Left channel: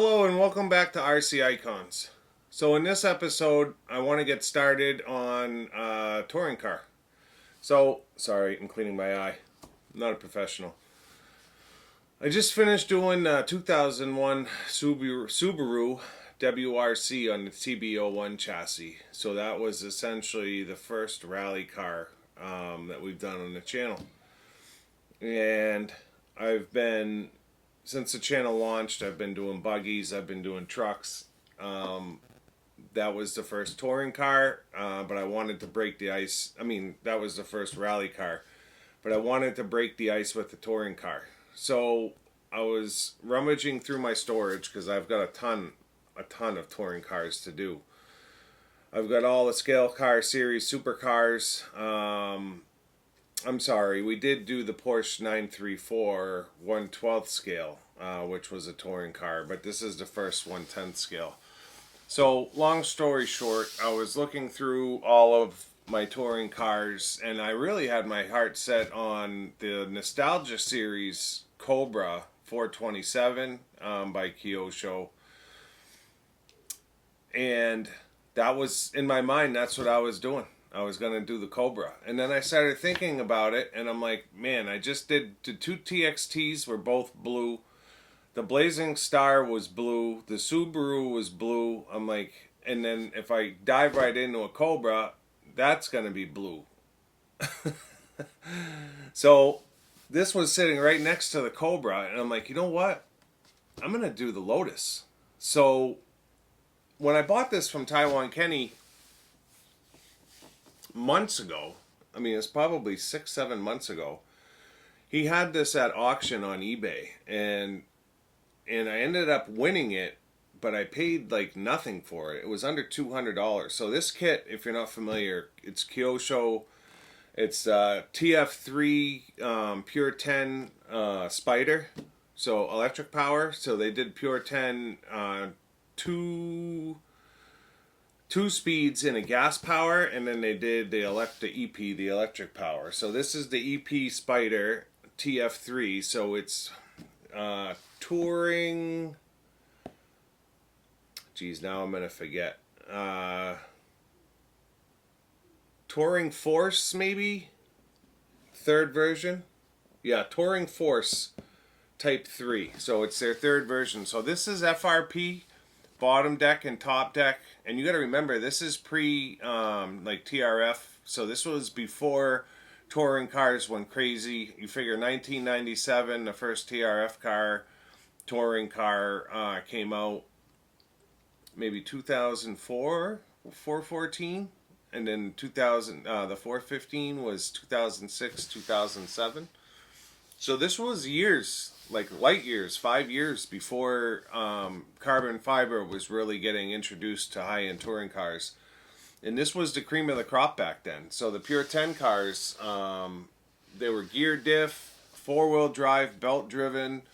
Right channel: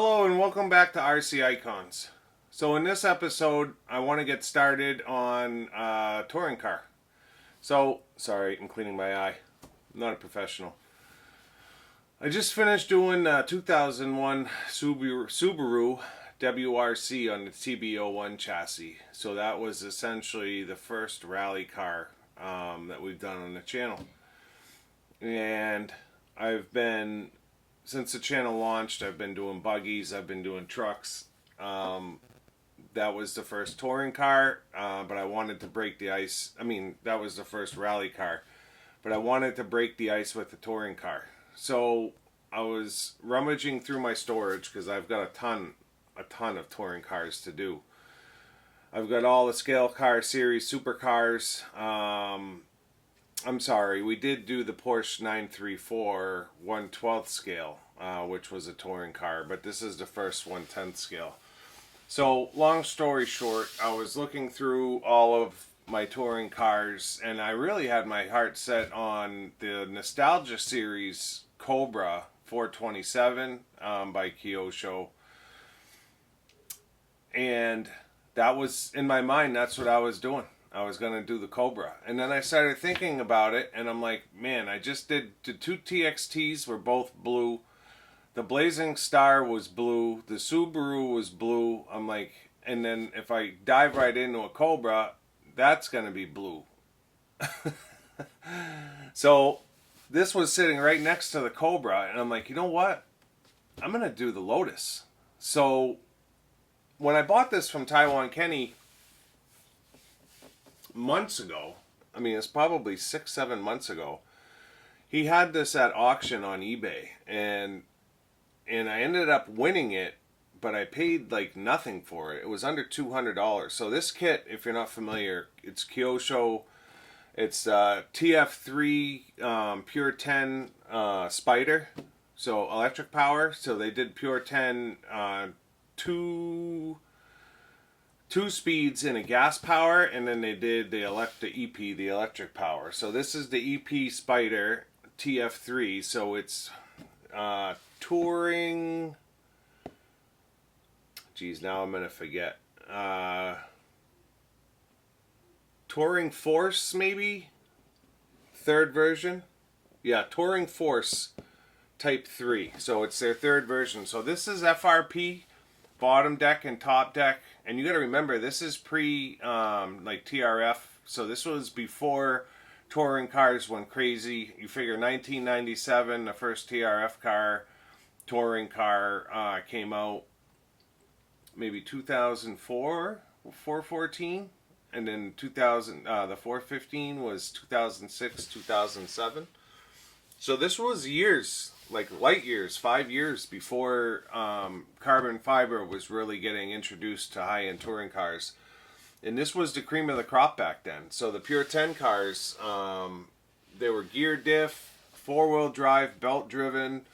Hello and welcome back to RC Icons. So in this episode, I want to get started on touring car. So, sorry, I'm cleaning my eye. I'm not a professional. I just finished doing 2001 Subaru WRC on the TB01 chassis. So that was essentially the first rally car that we've done on the channel. And since the channel launched, I've been doing buggies, I've been doing trucks. That was the first touring car, but I wanted to break the ice. I mean, that was the first rally car, but I wanted to break the ice with the touring car. So I was rummaging through my storage because I've got a ton of touring cars to do. I've got all the scale car series supercars. I'm sorry, we did do the Porsche 934 1/12 scale, which was a touring car, but this is the first 1/10 scale. So, long story short, I was looking through all of my touring cars, and I really had my heart set on the Nostalgia Series Cobra 427 by Kyosho. And that was, in my mind, that's what I was doing. I was going to do the Cobra. And then I started thinking about it, and I'm like, man, I just did the two TXTs were both blue. The Blazing Star was blue. The Subaru was blue. I'm like, and then if I dive right into a Cobra, that's going to be blue. So this was sitting right next to the Cobra, and I'm like, you know what? I'm going to do the Lotus. So when I bought this from Taiwan Kenny months ago, I mean, it's probably 6-7 months ago, he had this at auction on eBay, and I ended up winning it, but I paid like nothing for it. It was under $200. So this kit, if you're not familiar, it's Kyosho. It's TF3 Pure 10 Spider, so electric power. So they did Pure 10 two speeds in a gas power, and then they did the EP, the electric power. So this is the EP Spider TF3. So it's touring. Geez, now I'm gonna forget. Touring Force, maybe third version. Yeah, Touring Force Type 3. So it's their third version. So this is FRP. Bottom deck and top deck, and you got to remember this is pre like TRF, so this was before touring cars went crazy. You figure 1997, the first TRF car, touring car came out, maybe 2004, 414, and then 2000, the 415 was 2006, 2007. So this was years, like light years, 5 years before carbon fiber was really getting introduced to high-end touring cars. And this was the cream of the crop back then. So the Pure 10 cars, they were gear diff, four-wheel drive, belt-driven,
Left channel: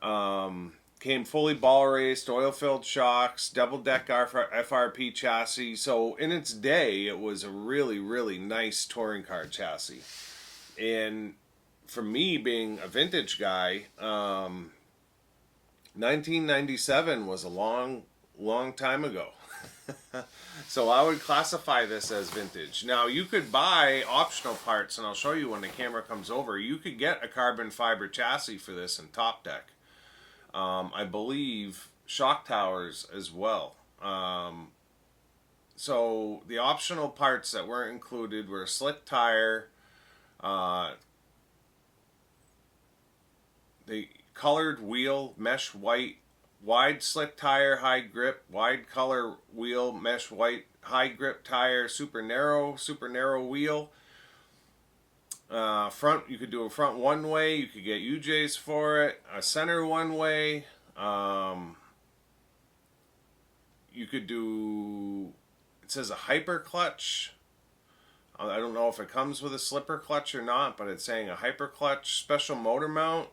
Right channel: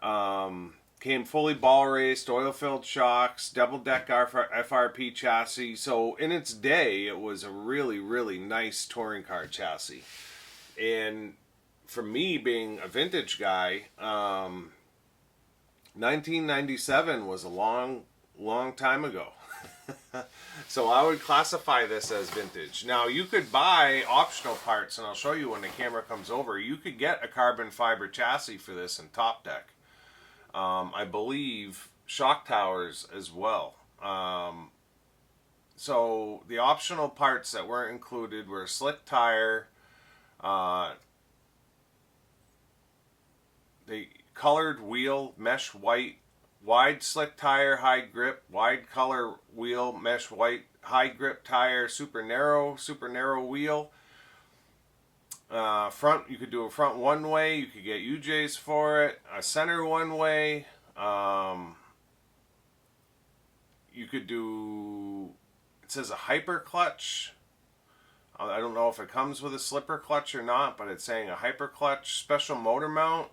came fully ball raced, oil-filled shocks, double-deck FRP chassis. So in its day, it was a really, really nice touring car chassis. And for me, being a vintage guy, 1997 was a long time ago. So I would classify this as vintage. Now, you could buy optional parts, and I'll show you when the camera comes over. You could get a carbon fiber chassis for this and top deck. I believe shock towers as well. So the optional parts that weren't included were a slick tire, the colored wheel, mesh white, wide slick tire, high grip, wide color wheel, mesh white, high grip tire, super narrow wheel. Front, you could do a front one way, you could get UJs for it, a center one way. You could do, it says a hyper clutch. I don't know if it comes with a slipper clutch or not, but it's saying a hyper clutch, special motor mount.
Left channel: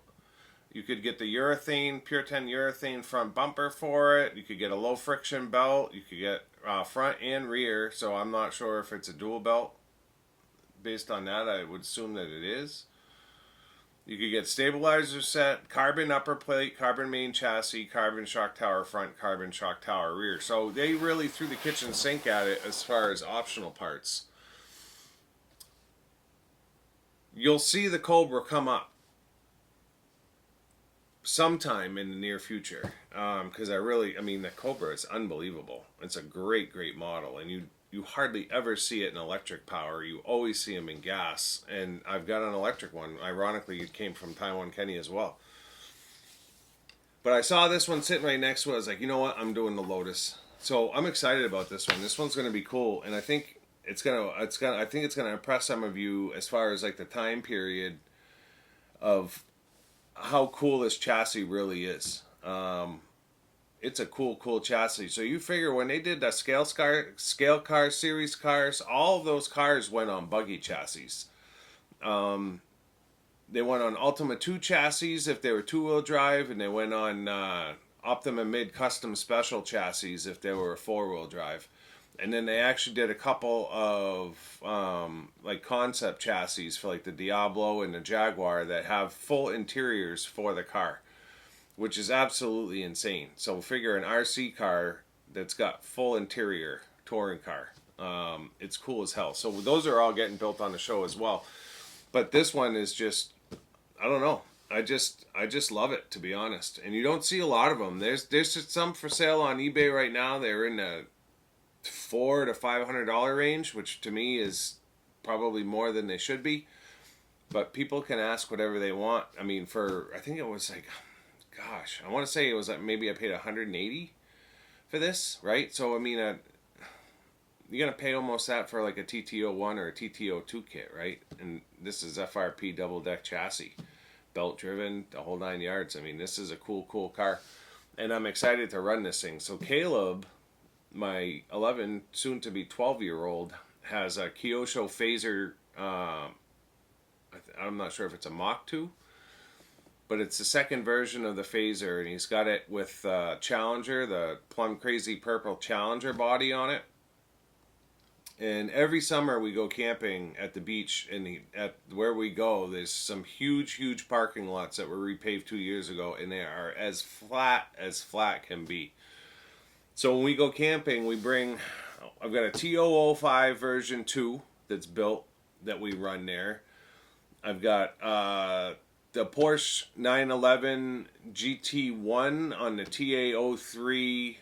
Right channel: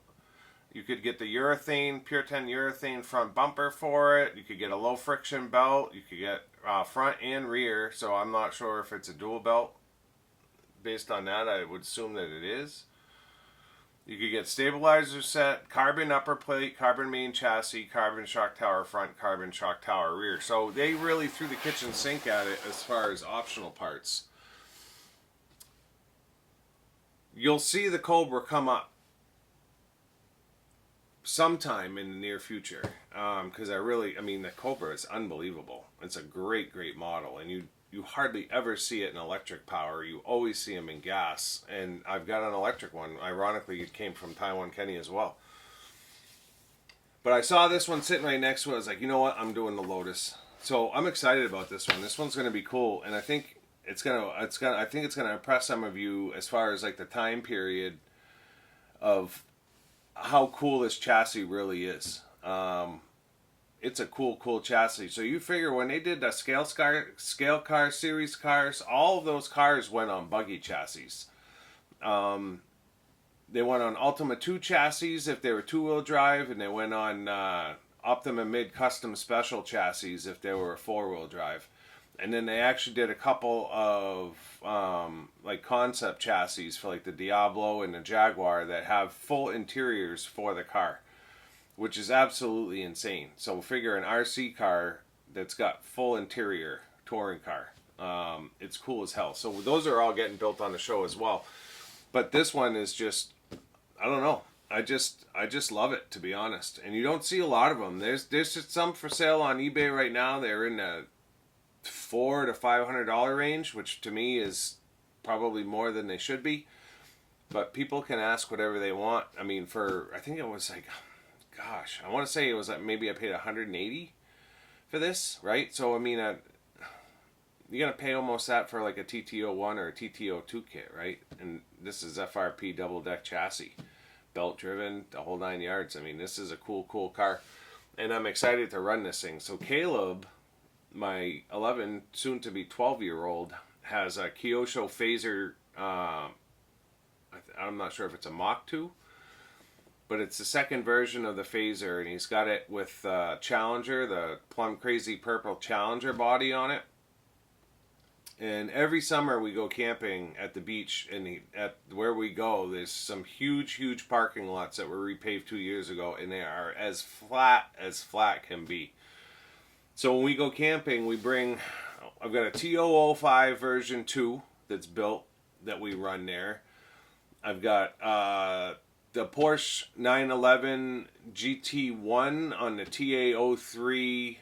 You could get the urethane, Pure 10 urethane front bumper for it. You could get a low friction belt. You could get front and rear. So I'm not sure if it's a dual belt. Based on that, I would assume that it is. You could get stabilizer set, carbon upper plate, carbon main chassis, carbon shock tower front, carbon shock tower rear. So they really threw the kitchen sink at it as far as optional parts. You'll see the Cobra come up sometime in the near future, because I mean, the Cobra is unbelievable. It's a great model, and you hardly ever see it in electric power. You always see them in gas, and I've got an electric one. Ironically, it came from Taiwan Kenny as well. But I saw this one sitting right next to it. I was like, you know what, I'm doing the Lotus. So I'm excited about this one. This one's going to be cool, and I think it's gonna impress some of you as far as like the time period of how cool this chassis really is. It's a cool chassis. So you figure when they did the scale car series cars, all of those cars went on buggy chassis. They went on Ultima 2 chassis if they were two-wheel drive, and they went on Optima Mid Custom Special chassis if they were a four-wheel drive. And then they actually did a couple of like concept chassis for like the Diablo and the Jaguar that have full interiors for the car, which is absolutely insane. So figure an RC car that's got full interior touring car. It's cool as hell. So those are all getting built on the show as well. But this one is just, I don't know. I just love it, to be honest. And you don't see a lot of them. There's just some for sale on eBay right now. They're in the $400 to $500 range, which to me is probably more than they should be. But people can ask whatever they want. I mean, I think it was like, gosh, I want to say it was like maybe I paid $180 for this, right? So I mean, you're gonna pay almost that for like a TT01 or a TT02 kit, right? And this is FRP double deck chassis, belt driven, the whole 9 yards. I mean, this is a cool car, and I'm excited to run this thing. So Caleb, my 11, soon to be 12-year-old, has a Kyosho Phaser. I'm not sure if it's a Mach 2, but it's the second version of the Phaser, and he's got it with Challenger, the plum crazy purple Challenger body on it. And every summer we go camping at the beach, and at where we go, there's some huge parking lots that were repaved 2 years ago, and they are as flat can be. So when we go camping, I've got a T005 version 2 that's built that we run there. I've got the Porsche 911 GT1 on the TA03R.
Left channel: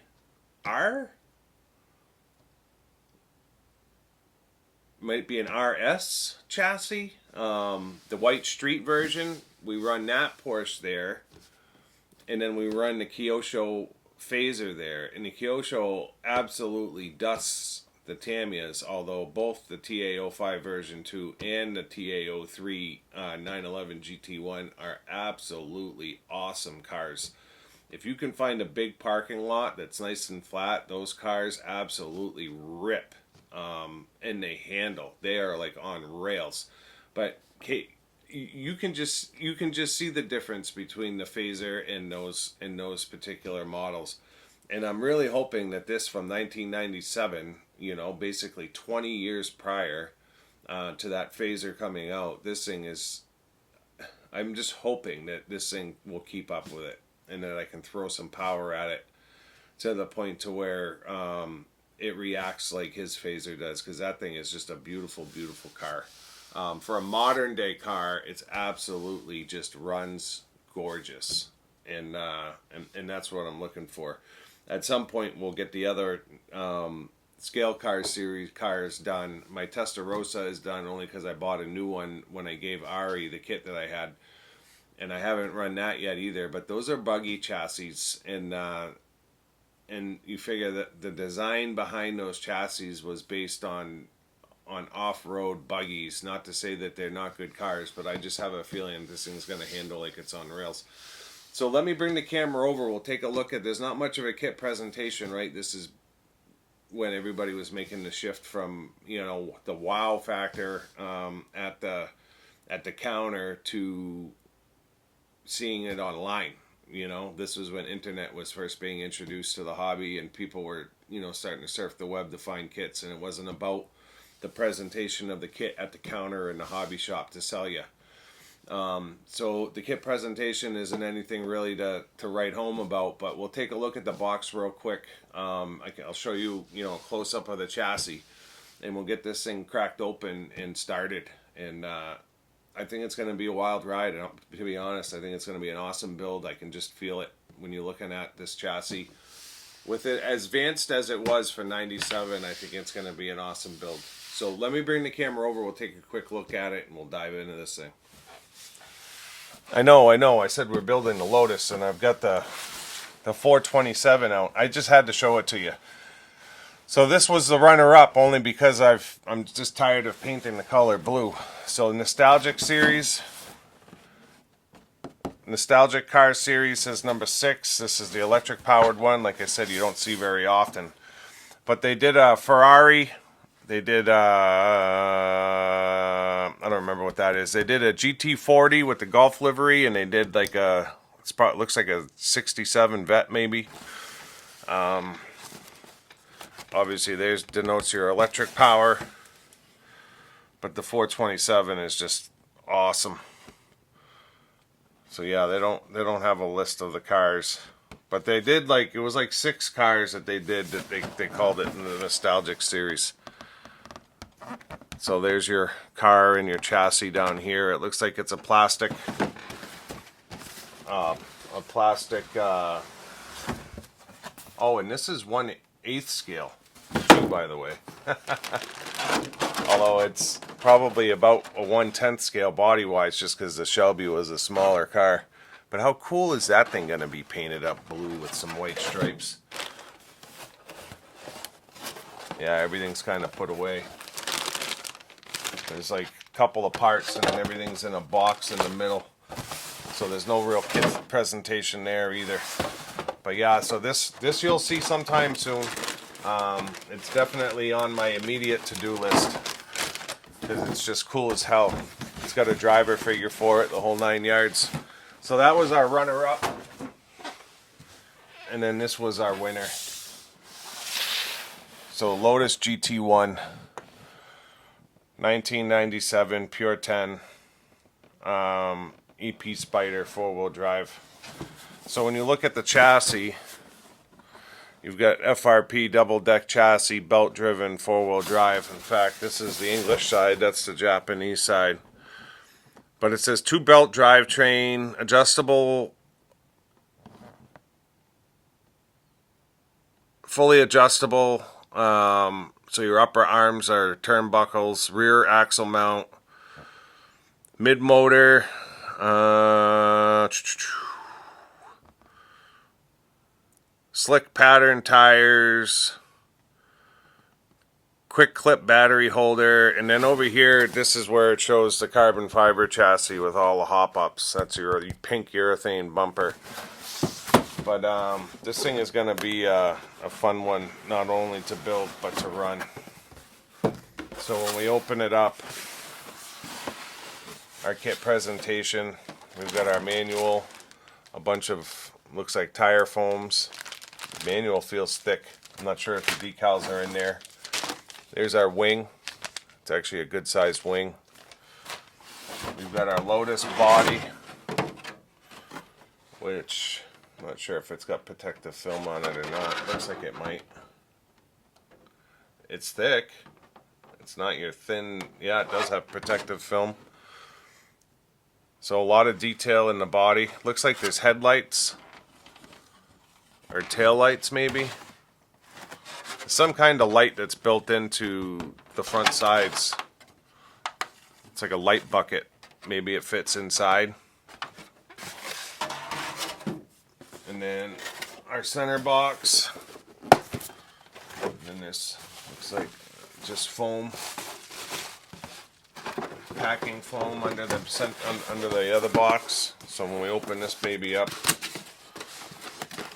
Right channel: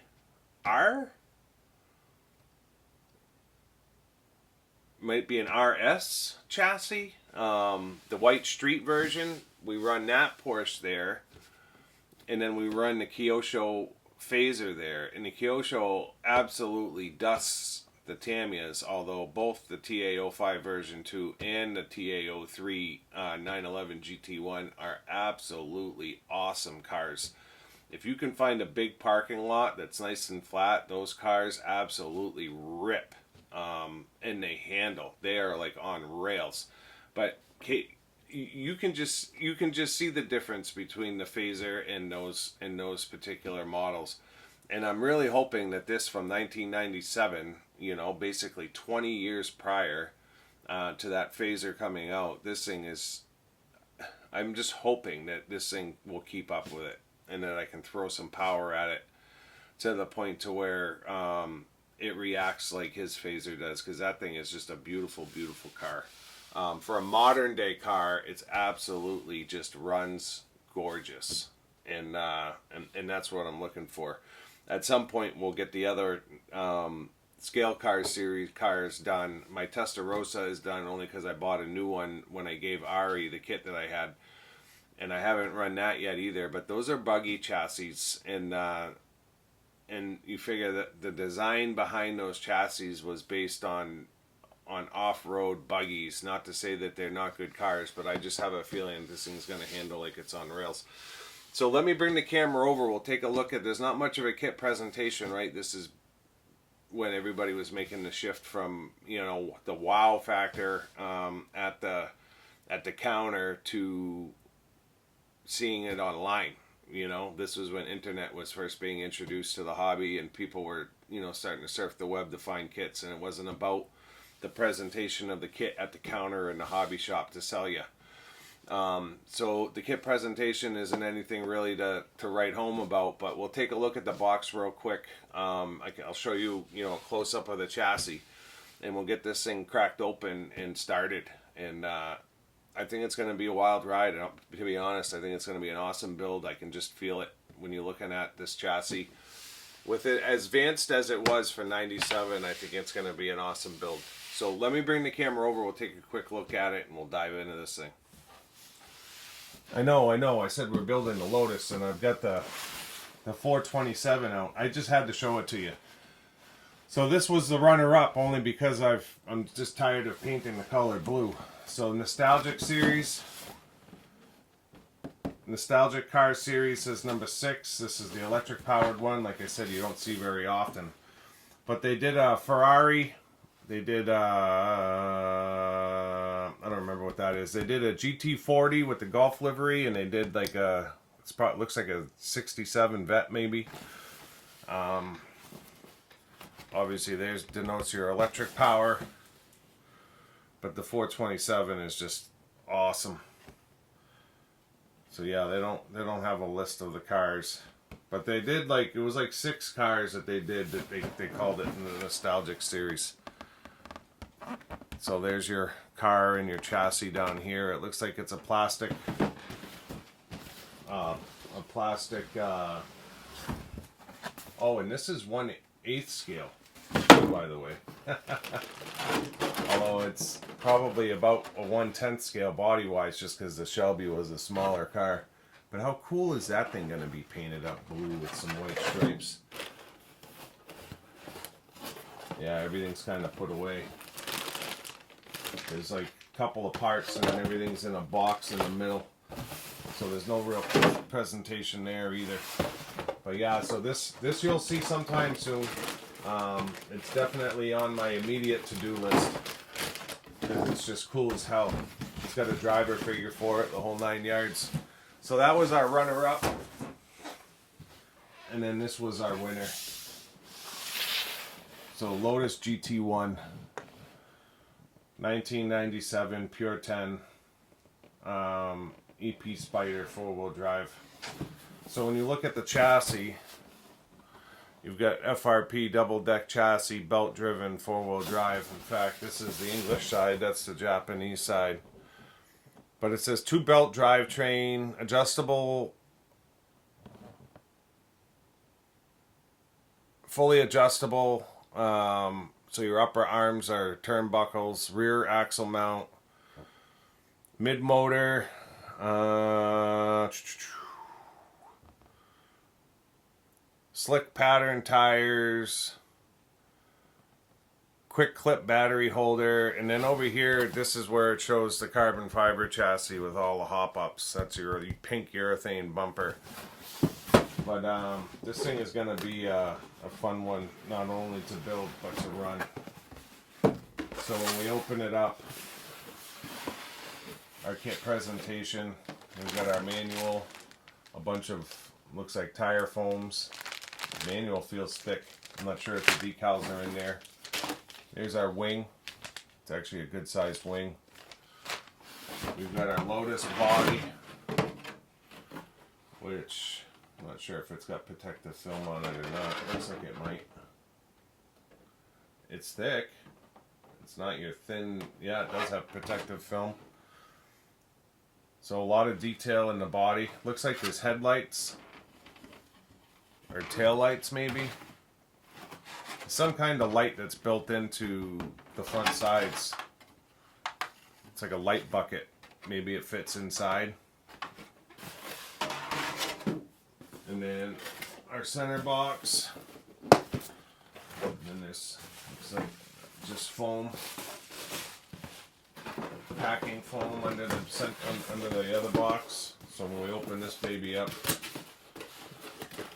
Might be an RS chassis. The white street version, we run that Porsche there. And then we run the Kyosho Phaser there. And the Kyosho absolutely dusts the Tamiya's, although both the TA05 version 2 and the TA03 911 GT1 are absolutely awesome cars. If you can find a big parking lot that's nice and flat, those cars absolutely rip. And they handle. They are like on rails. But you can just see the difference between the Phaser and those particular models. And I'm really hoping that this from 1997, basically 20 years prior to that Phaser coming out, this thing is, I'm just hoping that this thing will keep up with it, and that I can throw some power at it to the point to where it reacts like his Phaser does, because that thing is just a beautiful car. For a modern day car, it's absolutely just runs gorgeous, and that's what I'm looking for. At some point, we'll get the other scale car series cars done. My Testarossa is done only because I bought a new one when I gave Ari the kit that I had, and I haven't run that yet either. But those are buggy chassis, and you figure that the design behind those chassis was based on off-road buggies. Not to say that they're not good cars, but I just have a feeling this thing's going to handle like it's on rails. So let me bring the camera over. We'll take a look at, there's not much of a kit presentation, right? This is when everybody was making the shift from, the wow factor at the counter to seeing it online. This was when internet was first being introduced to the hobby, and people were, starting to surf the web to find kits, and it wasn't about the presentation of the kit at the counter in the hobby shop to sell you. So the kit presentation isn't anything really to write home about, but we'll take a look at the box real quick. I'll show you, a close up of the chassis, and we'll get this thing cracked open and started. And I think it's going to be a wild ride. To be honest, I think it's going to be an awesome build. I can just feel it when you're looking at this chassis. With it as advanced as it was for 97, I think it's going to be an awesome build. So let me bring the camera over. We'll take a quick look at it, and we'll dive into this thing. I know. I said we're building the Lotus, and I've got the 427 out. I just had to show it to you. So this was the runner-up only because I'm just tired of painting the color blue. So Nostalgic Car Series is number 6. This is the electric-powered one. Like I said, you don't see very often. But they did a Ferrari. They did, I don't remember what that is. They did a GT40 with the Golf livery, and they did like it looks like a 67 Vet maybe. Obviously, there's denotes your electric power, but the 427 is just awesome. So yeah, they don't have a list of the cars, but they did it was like 6 cars that they did that they called it in the Nostalgic series. So there's your car and your chassis down here. It looks like it's a plastic, oh, and this is 1/8 scale, by the way. Although it's probably about a 1/10 scale body-wise, just because the Shelby was a smaller car. But how cool is that thing going to be painted up blue with some white stripes? Yeah, everything's kind of put away. There's like a couple of parts, and then everything's in a box in the middle. So there's no real presentation there either. But yeah, so this you'll see sometime soon. It's definitely on my immediate to-do list because it's just cool as hell. It's got a driver figure for it, the whole 9 yards. So that was our runner-up, and then this was our winner. So Lotus GT1, 1997, pure 10, EP Spider 4-wheel drive. So when you look at the chassis, you've got FRP double-deck chassis, belt-driven, 4-wheel drive. In fact, this is the English side, that's the Japanese side. But it says 2-belt drivetrain, adjustable, fully adjustable. So your upper arms are turnbuckles, rear axle mount, mid-motor, slick pattern tires, quick clip battery holder, and then over here, this is where it shows the carbon fiber chassis with all the hop-ups. That's your pink urethane bumper. But this thing is going to be a fun one, not only to build, but to run. So when we open it up, our kit presentation, we've got our manual, a bunch of, looks like tire foams. Manual feels thick. I'm not sure if the decals are in there. There's our wing. It's actually a good sized wing. We've got our Lotus body, which I'm not sure if it's got protective film on it or not. It looks like it might. It's thick. It's not your thin. Yeah, it does have protective film. So a lot of detail in the body. Looks like there's headlights or tail lights maybe. Some kind of light that's built into the front sides. It's like a light bucket. Maybe it fits inside. And then our center box. And then this looks like just foam. Packing foam under the other box. So when we open this baby up,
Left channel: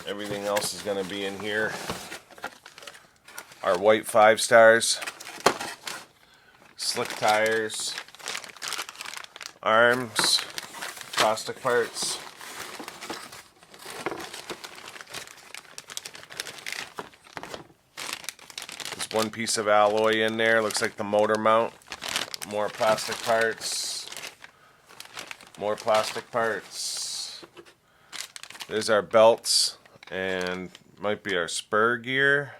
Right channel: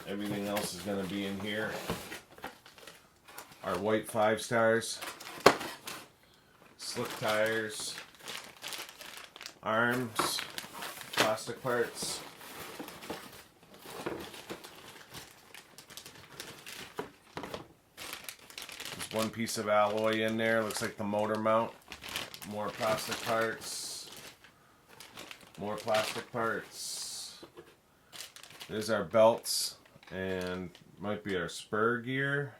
everything else is going to be in here. Our white 5 stars, slick tires, arms, plastic parts. There's one piece of alloy in there, looks like the motor mount. More plastic parts. More plastic parts. There's our belts and might be our spur gear.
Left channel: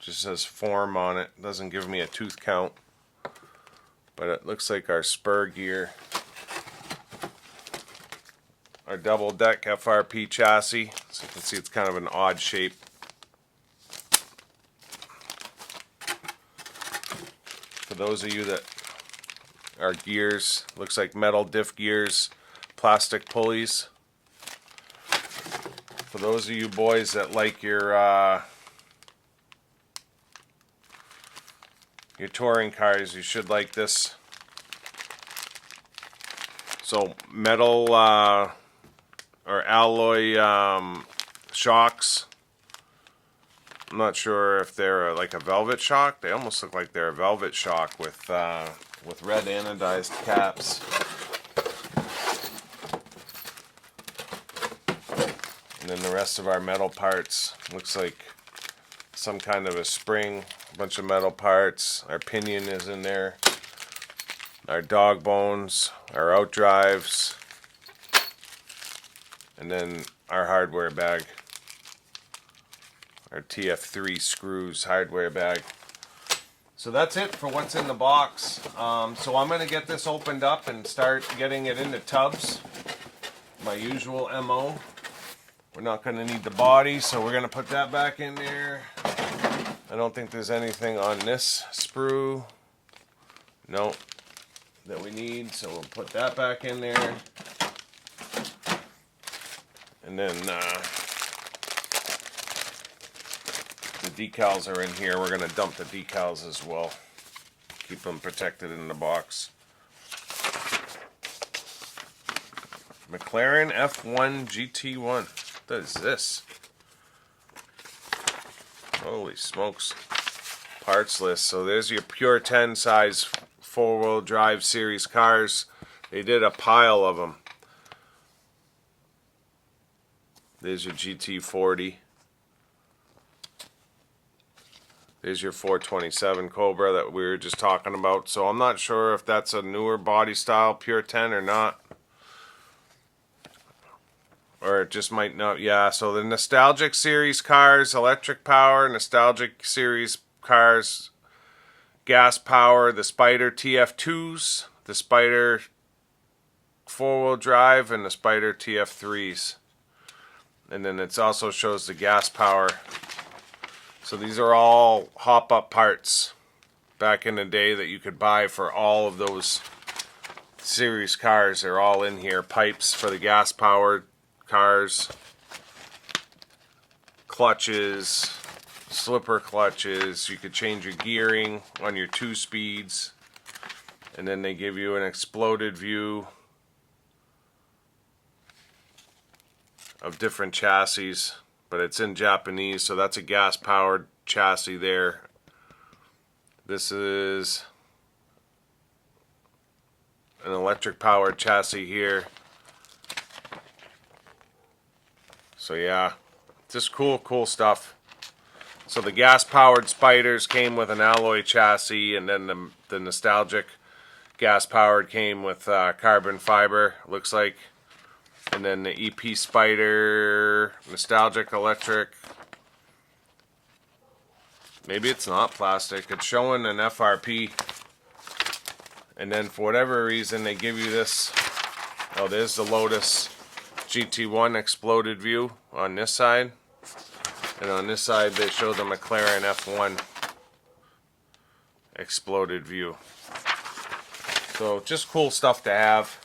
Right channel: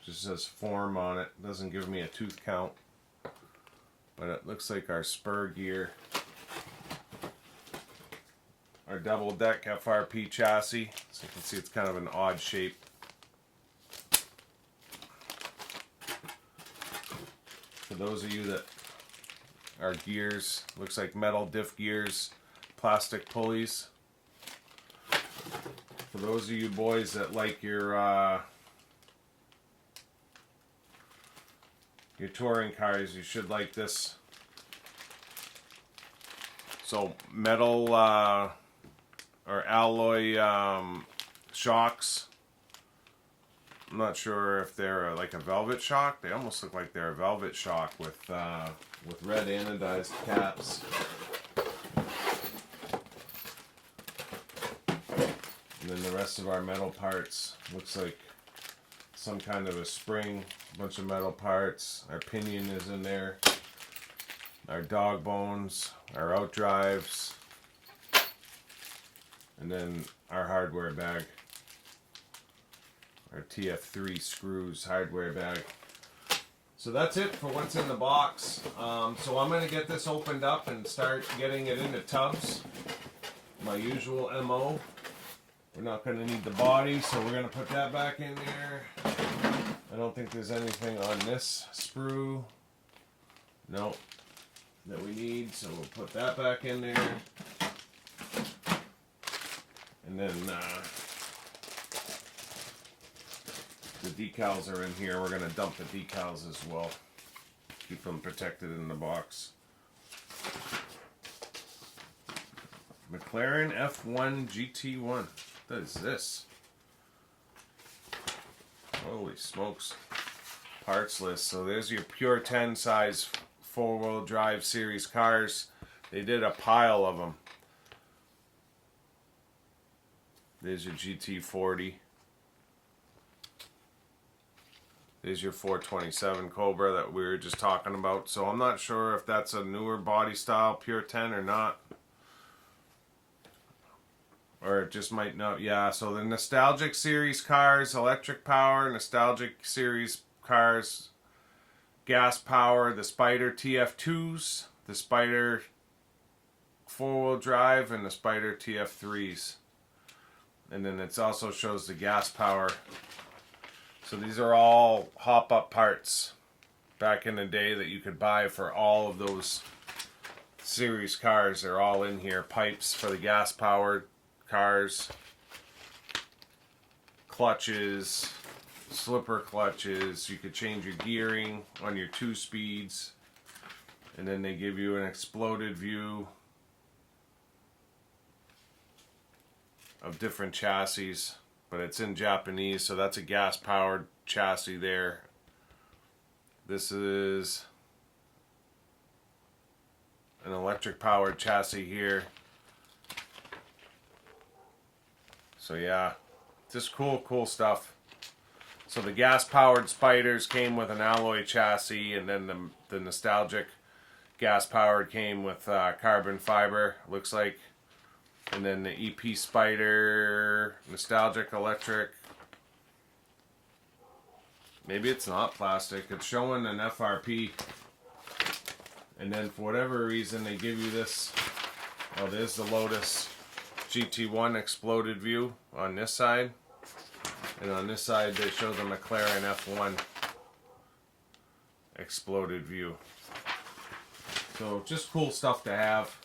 Just says form on it. Doesn't give me a tooth count. But it looks like our spur gear. Our double deck FRP chassis. So you can see it's kind of an odd shape. For those of you that are gears, looks like metal diff gears, plastic pulleys. For those of you boys that like your touring cars, you should like this. So metal or alloy shocks. I'm not sure if they're like a velvet shock. They almost look like they're a velvet shock with red anodized caps. And then the rest of our metal parts looks like some kind of a spring, a bunch of metal parts. Our pinion is in there. Our dog bones, our outdrives, and then our hardware bag. Our TF3 screws hardware bag. So that's it for what's in the box. So I'm going to get this opened up and start getting it into tubs. My usual MO. We're not going to need the body, so we're going to put that back in there. I don't think there's anything on this sprue. No. That we need, so we'll put that back in there. And then the decals are in here. We're going to dump the decals as well. Keep them protected in the box. McLaren F1 GT1. What is this? Holy smokes. Parts list. So there's your pure 10 size four-wheel drive series cars. They did a pile of them. There's your GT40. There's your 427 Cobra that we were just talking about. So I'm not sure if that's a newer body style pure 10 or not. Or it just might not. Yeah, so the nostalgic series cars, electric power, nostalgic series cars, gas power, the Spider TF2s, the Spider four-wheel drive, and the Spider TF3s. And then it also shows the gas power. So these are all hop-up parts back in the day that you could buy for all of those series cars. They're all in here. Pipes for the gas-powered cars, clutches, slipper clutches. You could change your gearing on your 2 speeds, and then they give you an exploded view of different chassis, but it's in Japanese, so that's a gas powered chassis there. This is an electric powered chassis here. So yeah, just cool stuff. So the gas-powered Spiders came with an alloy chassis, and then the nostalgic gas-powered came with carbon fiber, looks like. And then the EP Spider, nostalgic electric. Maybe it's not plastic. It's showing an FRP. And then for whatever reason, they give you this. Oh, there's the Lotus GT1 exploded view on this side. And on this side, they show the McLaren F1 exploded view. So just cool stuff to have.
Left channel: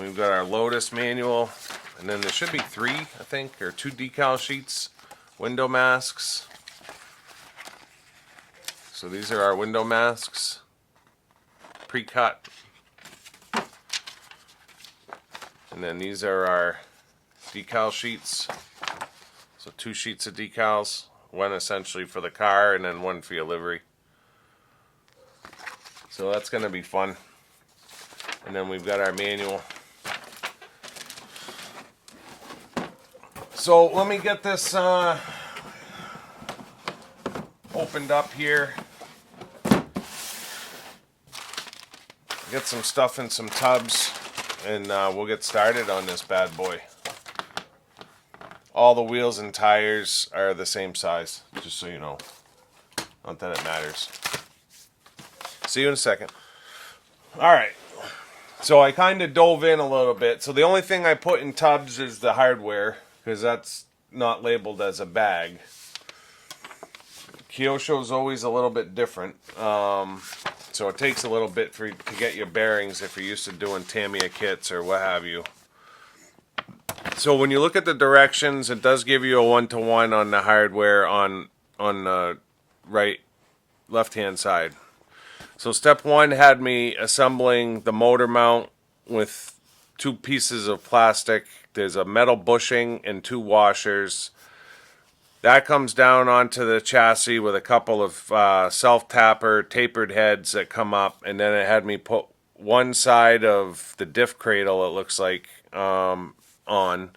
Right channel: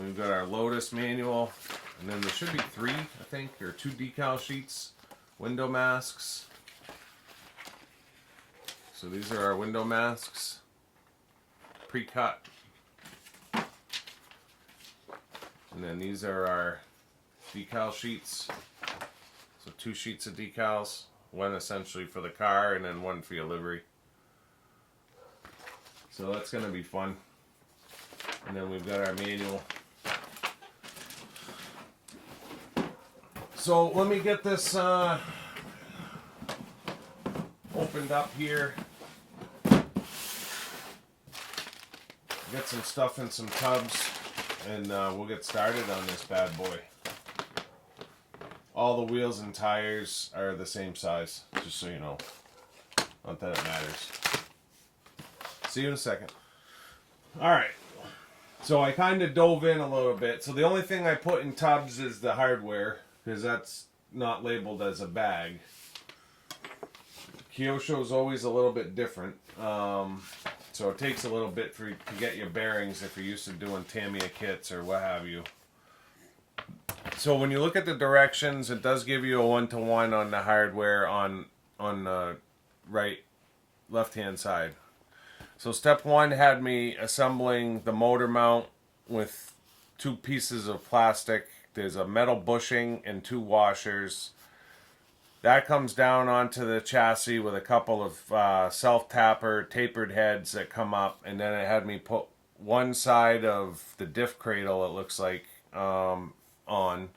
We've got our Lotus manual. And then there should be 3, I think, or 2 decal sheets. Window masks. So these are our window masks. Pre-cut. And then these are our decal sheets. So 2 sheets of decals. One essentially for the car and then one for your livery. So that's going to be fun. And then we've got our manual. So let me get this opened up here. Get some stuff in some tubs, and we'll get started on this bad boy. All the wheels and tires are the same size, just so you know. Not that it matters. See you in a second. Alright, so I kind of dove in a little bit. So the only thing I put in tubs is the hardware, because that's not labeled as a bag. Kyosho is always a little bit different. So it takes a little bit to get your bearings if you're used to doing Tamiya kits or what have you. So when you look at the directions, it does give you a 1-to-1 on the hardware on the left-hand side. So step 1 had me assembling the motor mount with 2 pieces of plastic. There's a metal bushing and 2 washers. That comes down onto the chassis with a couple of self-tapper tapered heads that come up, and then it had me put one side of the diff cradle, it looks like, on.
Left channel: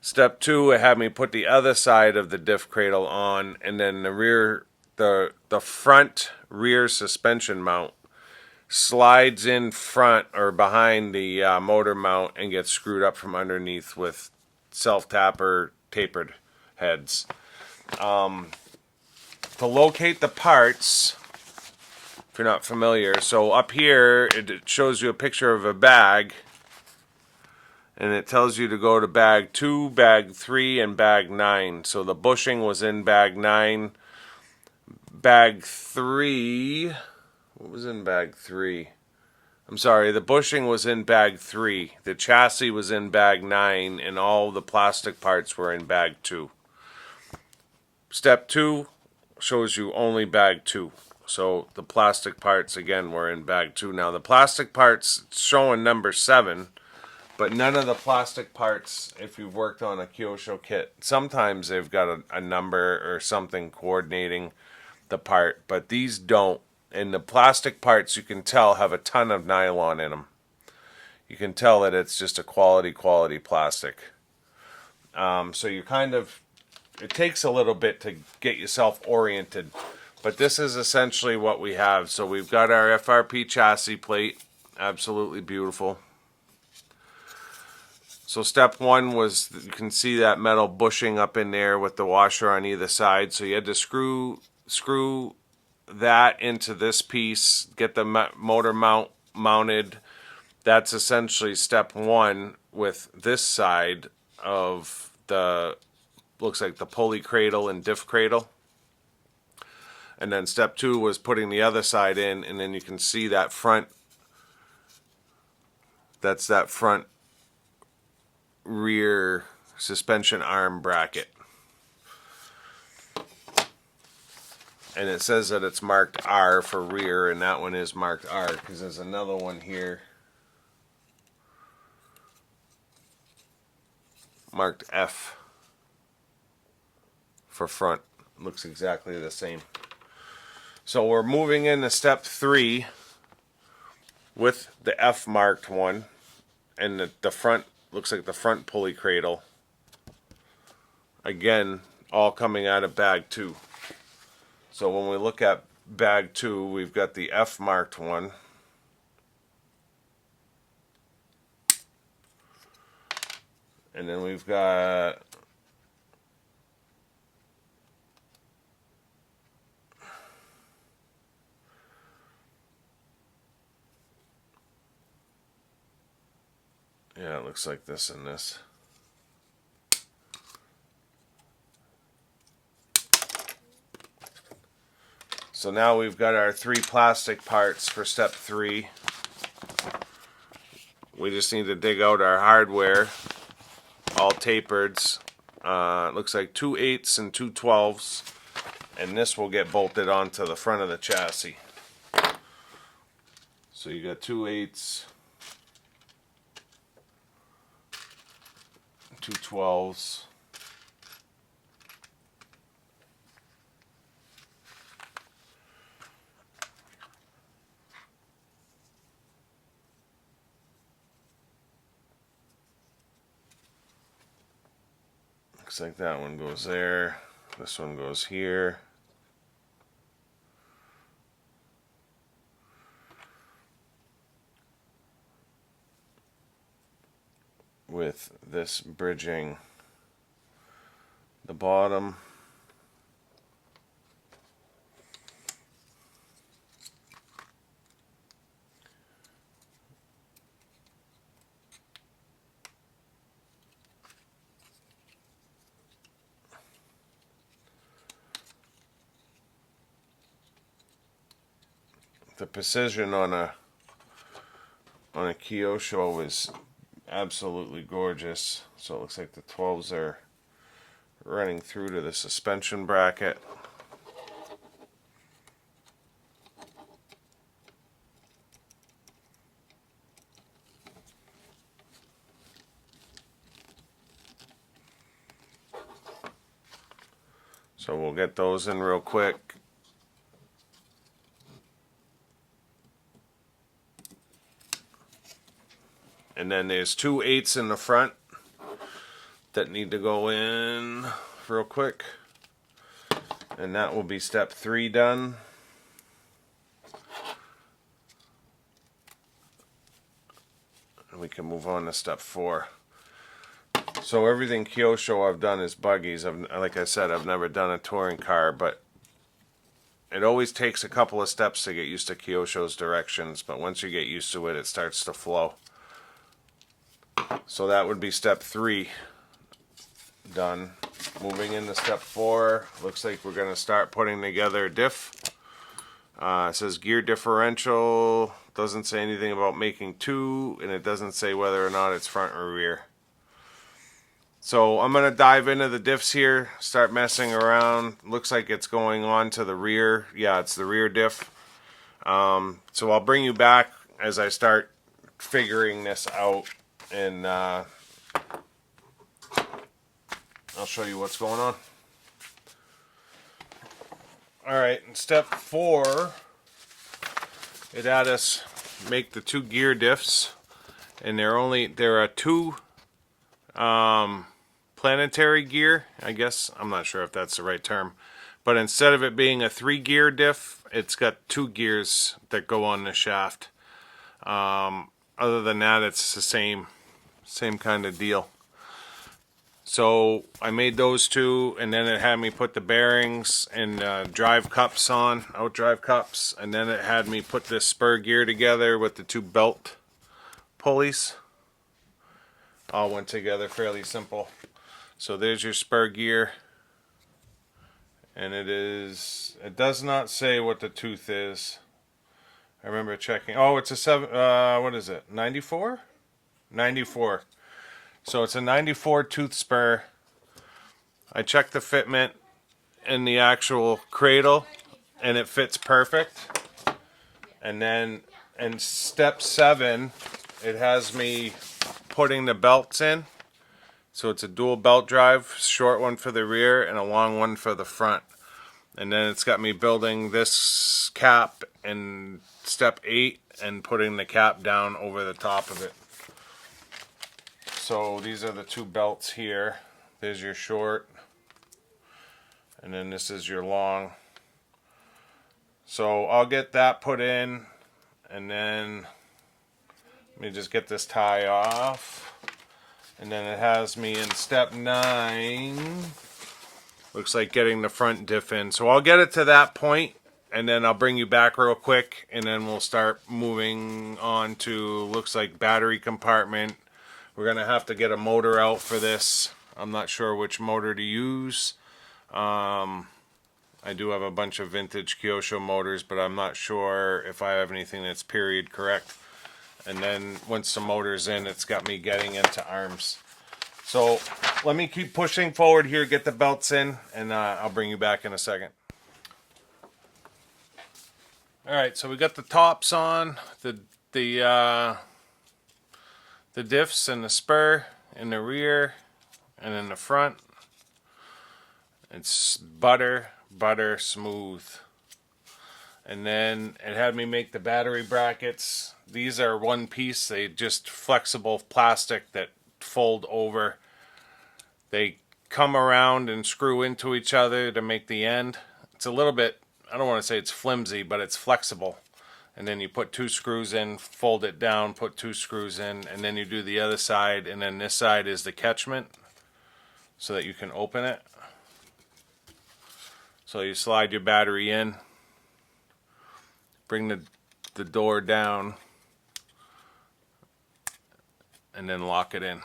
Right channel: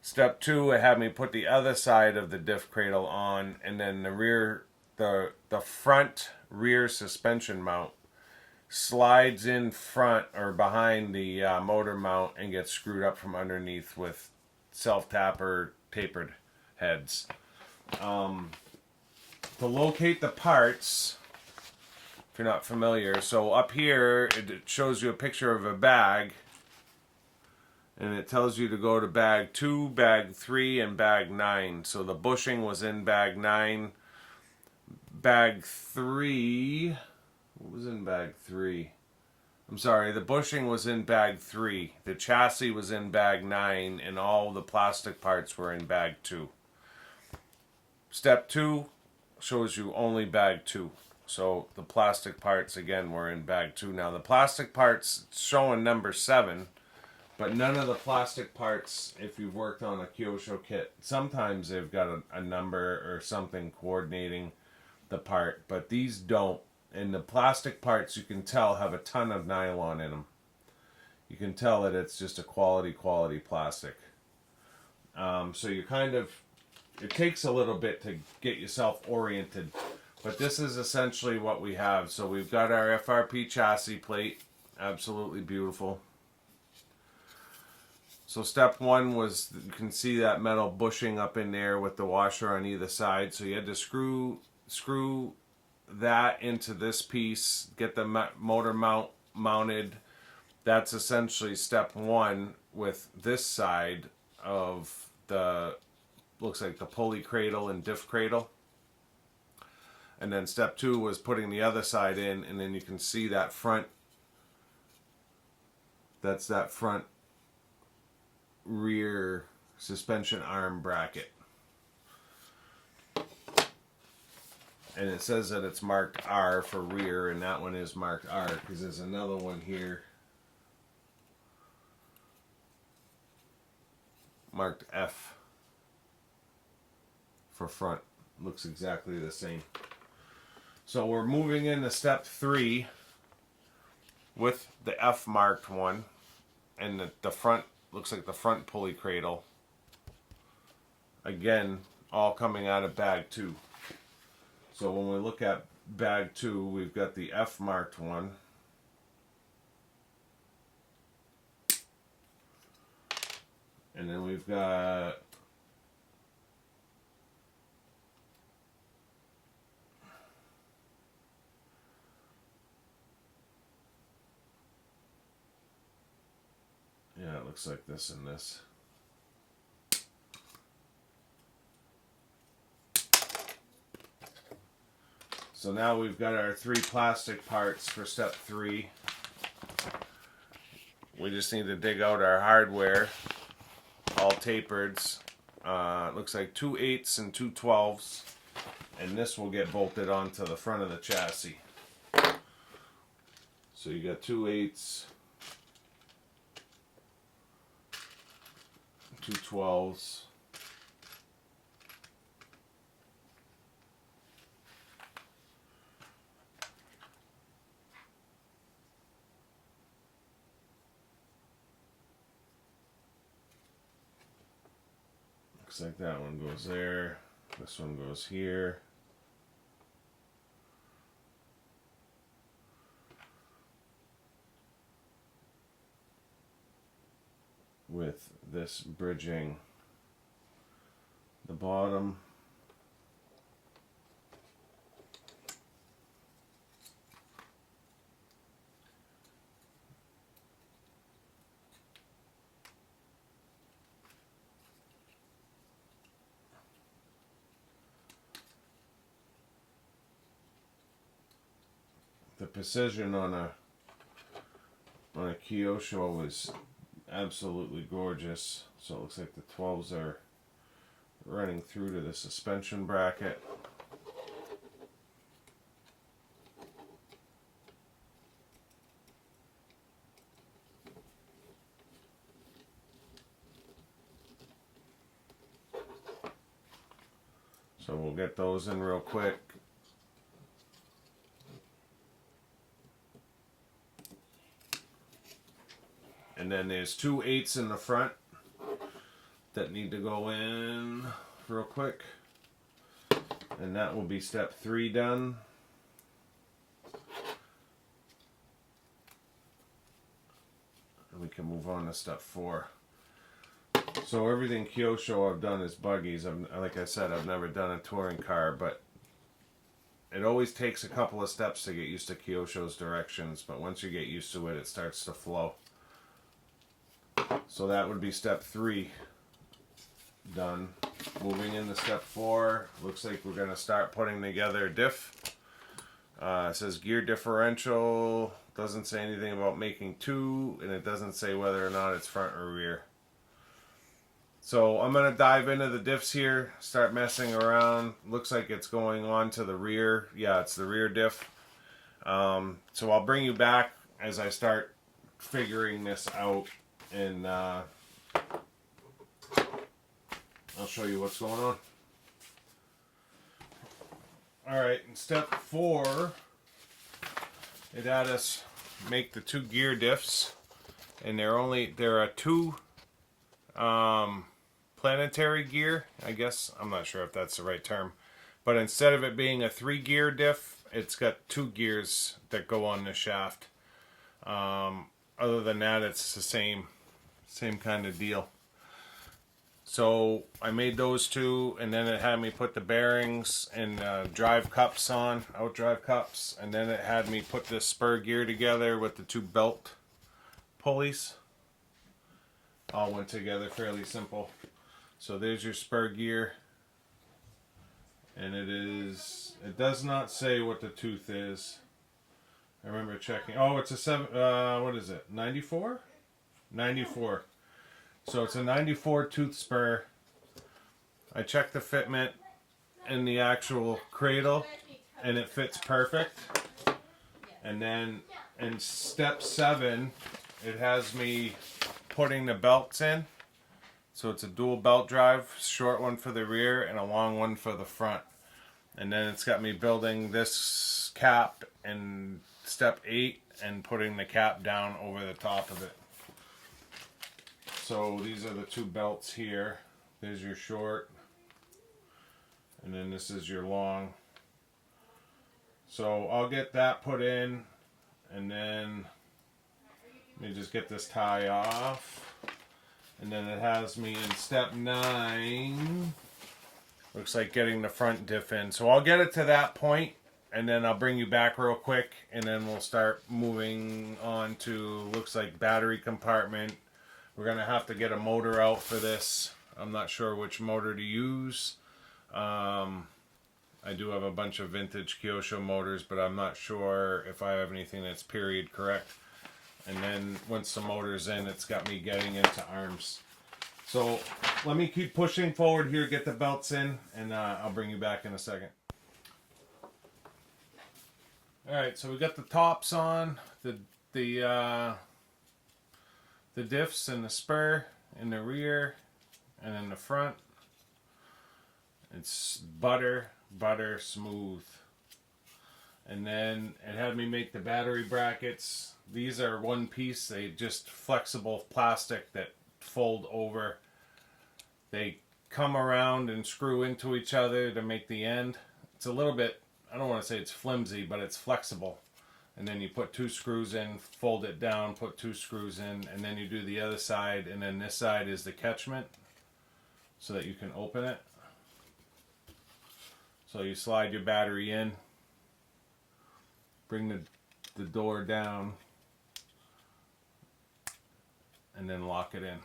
Step 2, it had me put the other side of the diff cradle on, and then the front rear suspension mount slides in front or behind the motor mount and gets screwed up from underneath with self-tapper tapered heads. To locate the parts, if you're not familiar, so up here it shows you a picture of a bag, and it tells you to go to bag 2, bag 3, and bag 9. So the bushing was in bag 9. Bag 3, what was in bag 3? I'm sorry, the bushing was in bag 3. The chassis was in bag 9, and all the plastic parts were in bag 2. Step 2 shows you only bag 2. So the plastic parts, again, were in bag 2. Now the plastic parts showing number 7, but none of the plastic parts, if you've worked on a Kyosho kit, sometimes they've got a number or something coordinating the part, but these don't. And the plastic parts, you can tell, have a ton of nylon in them. You can tell that it's just a quality plastic. So you kind of, it takes a little bit to get yourself oriented, but this is essentially what we have. So we've got our FRP chassis plate, absolutely beautiful. So step 1 was, you can see that metal bushing up in there with the washer on either side. So you had to screw that into this piece, get the motor mounted. That's essentially step 1 with this side of the, looks like the pulley cradle and diff cradle. And then step 2 was putting the other side in, and then you can see that front, that's that front rear suspension arm bracket. And it says that it's marked R for rear, and that one is marked R because there's another one here marked F for front. Looks exactly the same. So we're moving into step 3 with the F marked one, and the front looks like the front pulley cradle. Again, all coming out of bag 2. So when we look at bag 2, we've got the F marked one. And then we've got yeah, it looks like this and this. So now we've got our 3 plastic parts for step 3. We just need to dig out our hardware, all tapered. It looks like 2 8s and 2 12s, and this will get bolted onto the front of the chassis. So you got 2 8s, 2 12s. Looks like that one goes there. This one goes here. with this bridging the bottom. The precision on a Kyosho is absolutely gorgeous. So it looks like the 12s are running through to the suspension bracket. So we'll get those in real quick. And then there's 2 8s in the front that need to go in real quick. And that will be step 3 done. And we can move on to step 4. So everything Kyosho I've done is buggies. Like I said, I've never done a touring car, but it always takes a couple of steps to get used to Kyosho's directions. But once you get used to it, it starts to flow. So that would be step 3 done. Moving into step 4, looks like we're going to start putting together a diff. It says gear differential, doesn't say anything about making 2, and it doesn't say whether or not it's front or rear. So I'm going to dive into the diffs here, start messing around. Looks like it's going on to the rear. Yeah, it's the rear diff. So I'll bring you back as I start figuring this out, and I'll show you what's going on. Alright, in step 4, it had us make the 2 gear diffs, and there are 2 planetary gear, I guess. I'm not sure if that's the right term. But instead of it being a 3 gear diff, it's got 2 gears that go on the shaft. Other than that, it's the same kind of deal. So I made those 2, and then it had me put the bearings and drive cups on, outdrive cups, and then it had me put this spur gear together with the 2 belt pulleys. All went together fairly simple. So there's your spur gear, and it does not say what the tooth is. I remember checking. Oh, it's a 7, what is it, 94? 94. So it's a 94 tooth spur. I checked the fitment in the actual cradle, and it fits perfect. And then in step 7, it has me putting the belts in. So it's a dual belt drive, short one for the rear and a long one for the front. And then it's got me building this cap in step 8 and putting the cap down over the top of it. So these are the 2 belts here. There's your short, and then this is your long. So I'll get that put in, and then let me just get this tie off. And then it has me in step 9. Looks like getting the front diff in. So I'll get it to that point, and then I'll bring you back real quick, and then we'll start moving on to, looks like, battery compartment. We're going to have to get a motor out for this. I'm not sure which motor to use. I do have a bunch of vintage Kyosho motors, but I'm not sure if I have anything that's period correct. And then once the motor's in, it's got me getting into arms. So let me keep pushing forward here, get the belts in, and I'll bring you back in a second. Alright, so we got the tops on, the diffs and the spur in the rear and in the front. It's butter smooth. And then it had me make the battery brackets. These are one piece. They just flexible plastic that fold over. They come around and screw into each other to make the end. It's a little bit, I don't want to say it's flimsy, but it's flexible. and then you put 2 screws in, fold it down, put 2 screws in, and then you do the other side, and then this side is the catchment so that you can open it. So you slide your battery in, bring the door down, and then lock it in.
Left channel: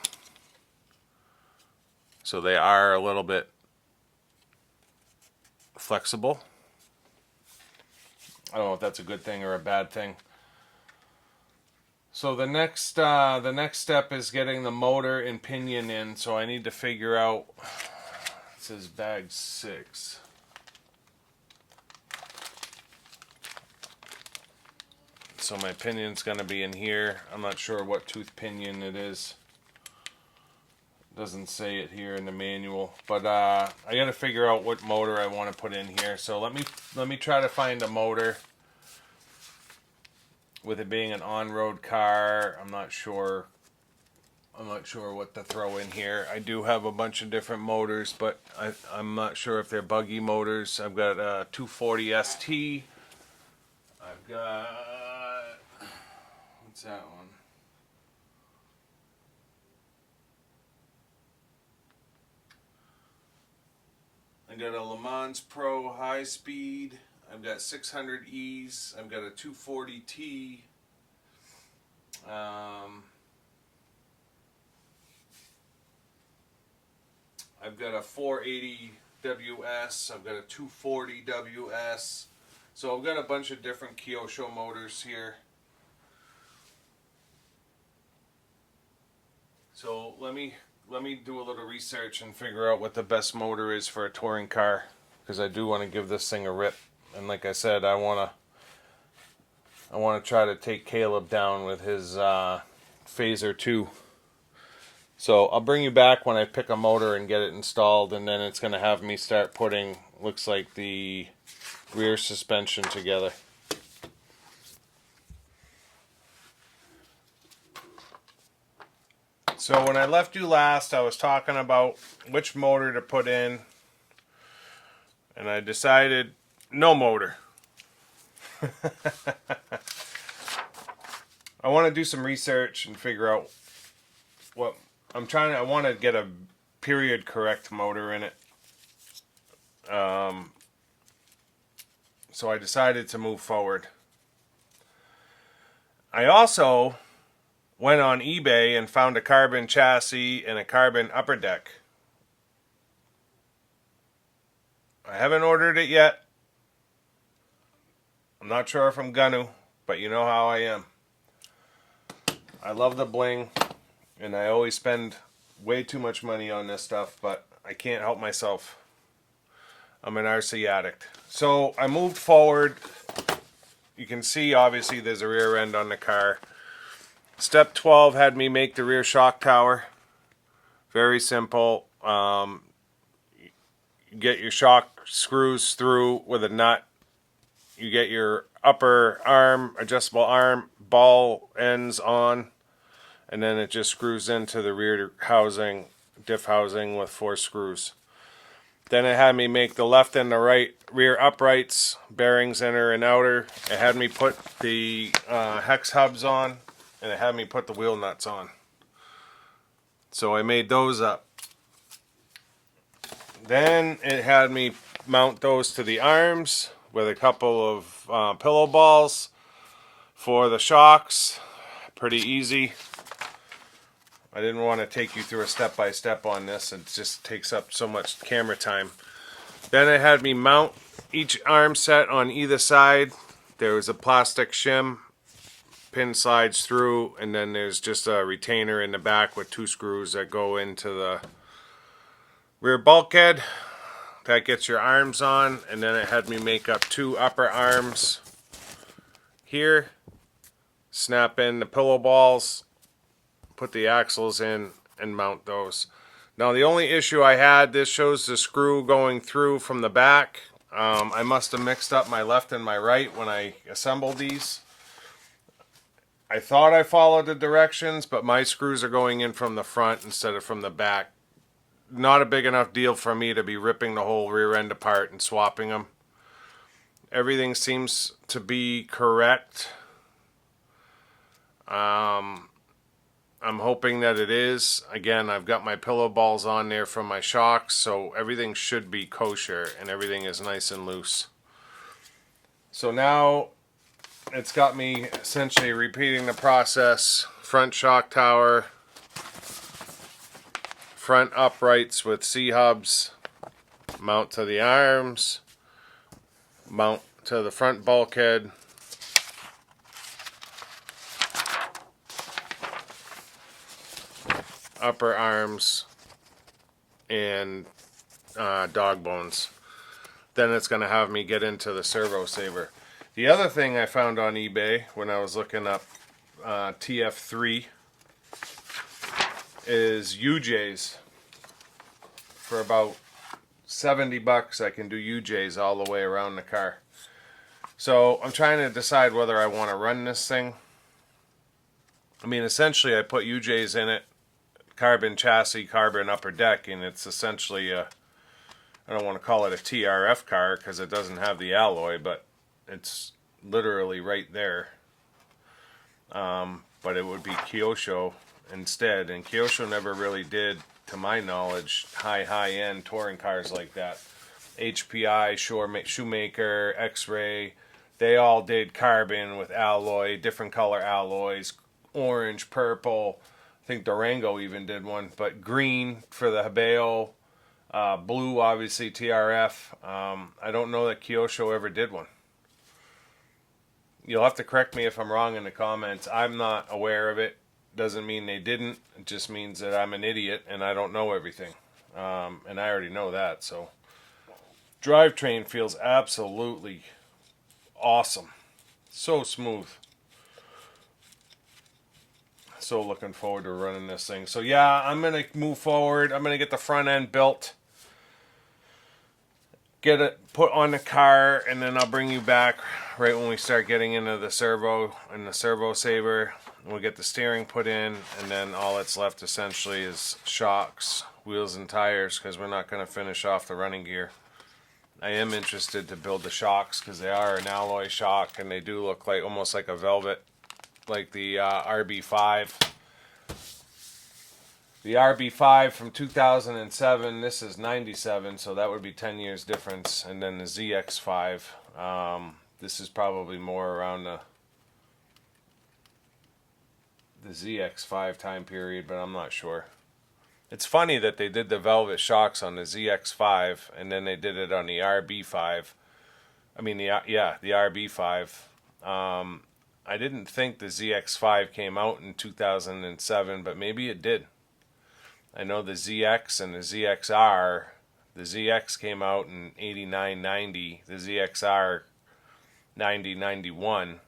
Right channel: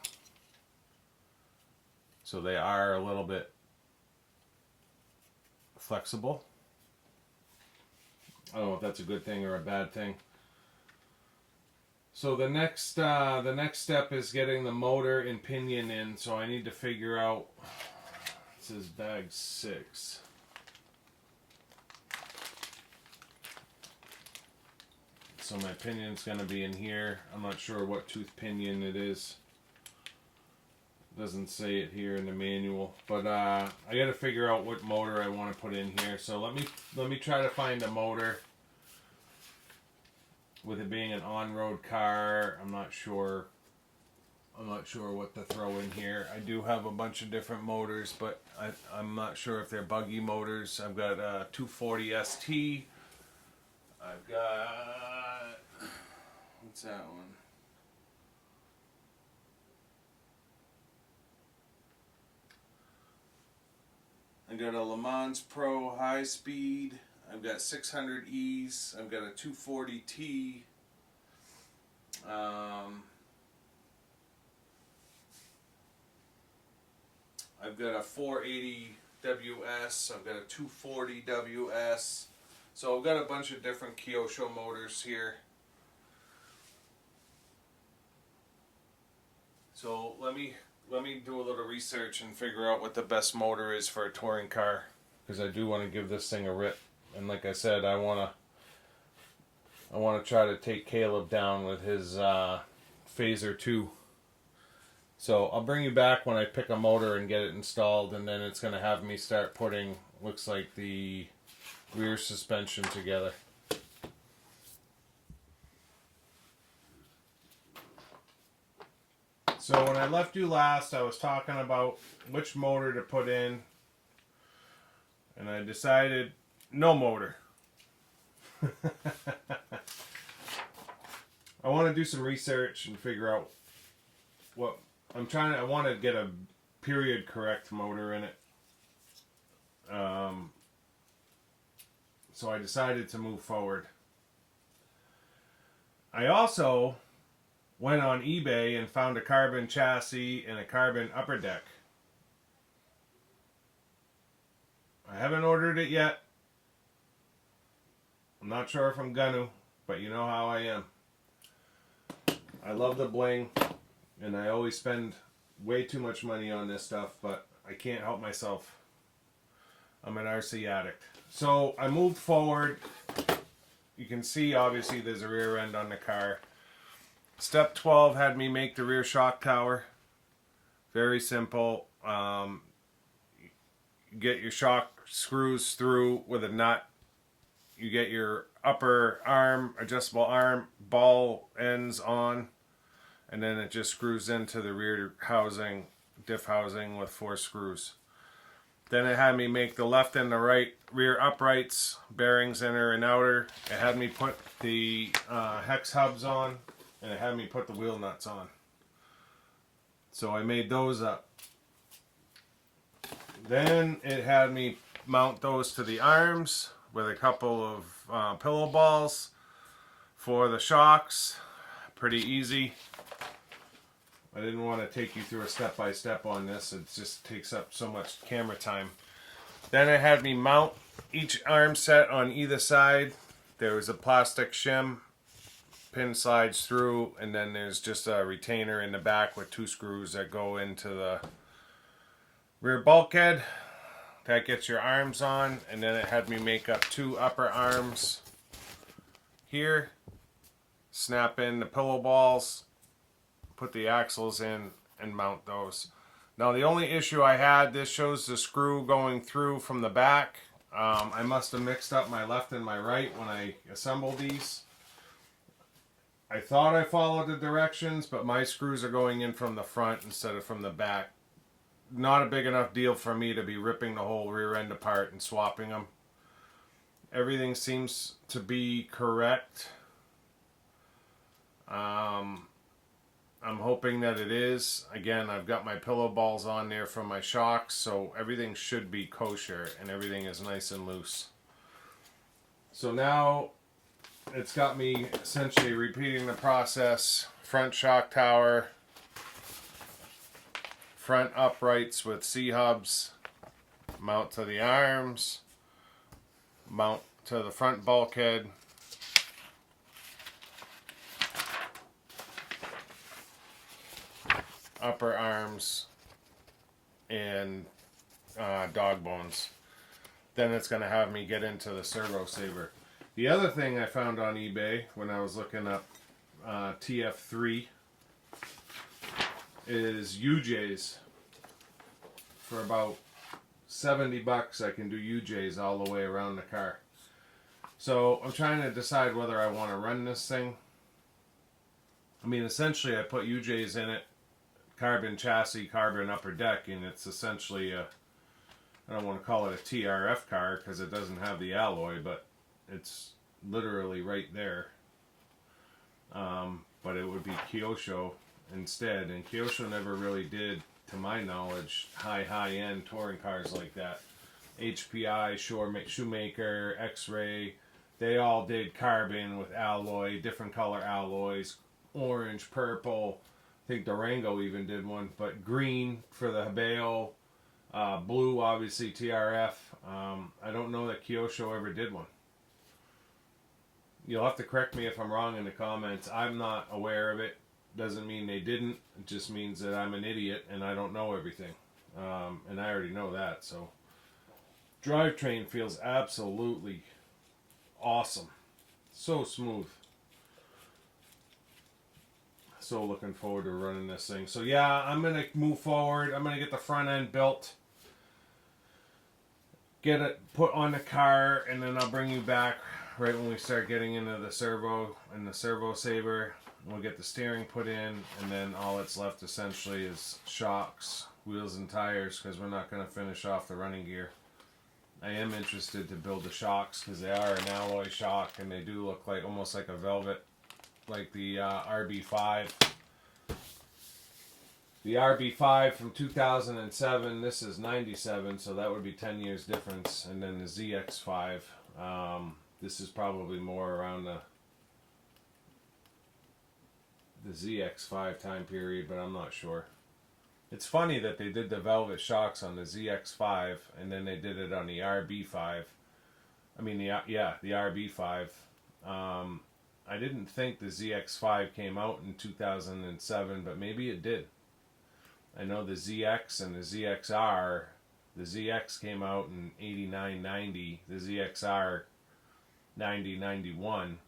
So they are a little bit flexible. I don't know if that's a good thing or a bad thing. So the next step is getting the motor and pinion in. So I need to figure out, it says bag 6. So my pinion's going to be in here. I'm not sure what tooth pinion it is. Doesn't say it here in the manual, but I got to figure out what motor I want to put in here. So let me try to find a motor. With it being an on-road car, I'm not sure what to throw in here. I do have a bunch of different motors, but I'm not sure if they're buggy motors. I've got a 240 ST. I've got, what's that one? I got a Le Mans Pro high speed. I've got 600Es. I've got a 240T. I've got a 480 WS. I've got a 240 WS. So I've got a bunch of different Kyosho motors here. So let me do a little research and figure out what the best motor is for a touring car, because I do want to give this thing a rip. And like I said, I want to try to take Caleb down with his Phaser 2. So I'll bring you back when I pick a motor and get it installed, and then it's going to have me start putting, looks like, the rear suspension together. So when I left you last, I was talking about which motor to put in, and I decided no motor. I want to do some research and figure out what I want to get a period correct motor in it. So I decided to move forward. I also went on eBay and found a carbon chassis and a carbon upper deck. I haven't ordered it yet. I'm not sure if I'm gonna, but you know how I am. I love the bling, and I always spend way too much money on this stuff, but I can't help myself. I'm an RC addict. So I moved forward. You can see, obviously, there's a rear end on the car. Step 12 had me make the rear shock tower. Very simple. You get your shock screws through with a nut. You get your upper arm, adjustable arm, ball ends on, and then it just screws into the rear housing, diff housing with 4 screws. Then it had me make the left and the right rear uprights, bearings inner and outer. It had me put the hex hubs on, and it had me put the wheel nuts on. So I made those up. Then it had me mount those to the arms with a couple of pillow balls for the shocks. Pretty easy. I didn't want to take you through a step-by-step on this. It just takes up so much camera time. Then it had me mount each arm set on either side. There was a plastic shim. Pin slides through, and then there's just a retainer in the back with 2 screws that go into the rear bulkhead. That gets your arms on, and then it had me make up 2 upper arms here. Snap in the pillow balls, put the axles in, and mount those. Now the only issue I had, this shows the screw going through from the back. I must have mixed up my left and my right when I assembled these. I thought I followed the directions, but my screws are going in from the front instead of from the back. Not a big enough deal for me to be ripping the whole rear end apart and swapping them. Everything seems to be correct. I'm hoping that it is. Again, I've got my pillow balls on there from my shocks, so everything should be kosher and everything is nice and loose. So now it's got me essentially repeating the process. Front shock tower, front uprights with C-hubs, mount to the arms, mount to the front bulkhead, upper arms, and dog bones. Then it's going to have me get into the servo saver. The other thing I found on eBay when I was looking up TF3 is UJs. For about 70 bucks I can do UJs all the way around the car. So I'm trying to decide whether I want to run this thing. I mean, essentially I put UJs in it, carbon chassis, carbon upper deck, and it's essentially a, I don't want to call it a TRF car because it doesn't have the alloy, but it's literally right there. But it would be Kyosho instead, and Kyosho never really did, to my knowledge, high-end touring cars like that. HPI, Shoemaker, X-Ray, they all did carbon with alloy, different color alloys, orange, purple. I think Durango even did one, but green for the Habeo, blue obviously TRF. I don't know that Kyosho ever did one. You'll have to correct me if I'm wrong in the comments. I'm not aware of it. Doesn't mean they didn't. It just means that I'm an idiot and I don't know everything. And I already know that. So, Drivetrain feels absolutely awesome. So smooth. So looking forward to running this thing. So yeah, I'm going to move forward. I'm going to get the front end built. Get it put on the car, and then I'll bring you back right when we start getting into the servo and the servo saver. We'll get the steering put in, and then all that's left essentially is shocks, wheels, and tires, because we're not going to finish off the running gear. I am interested to build the shocks because they are an alloy shock, and they do look like almost like a velvet, like the RB5. The RB5 from 2007, this is 97, so that would be 10 years difference. And then the ZX5, this is probably more around the ZX5 time period, but I'm not sure. It's funny that they did the velvet shocks on the ZX5, and then they did it on the RB5. I mean, the RB5. I didn't think the ZX5 came out in 2007, but maybe it did. I know the ZX and the ZXR, the ZX came out in 89, 90, the ZXR 90, 91.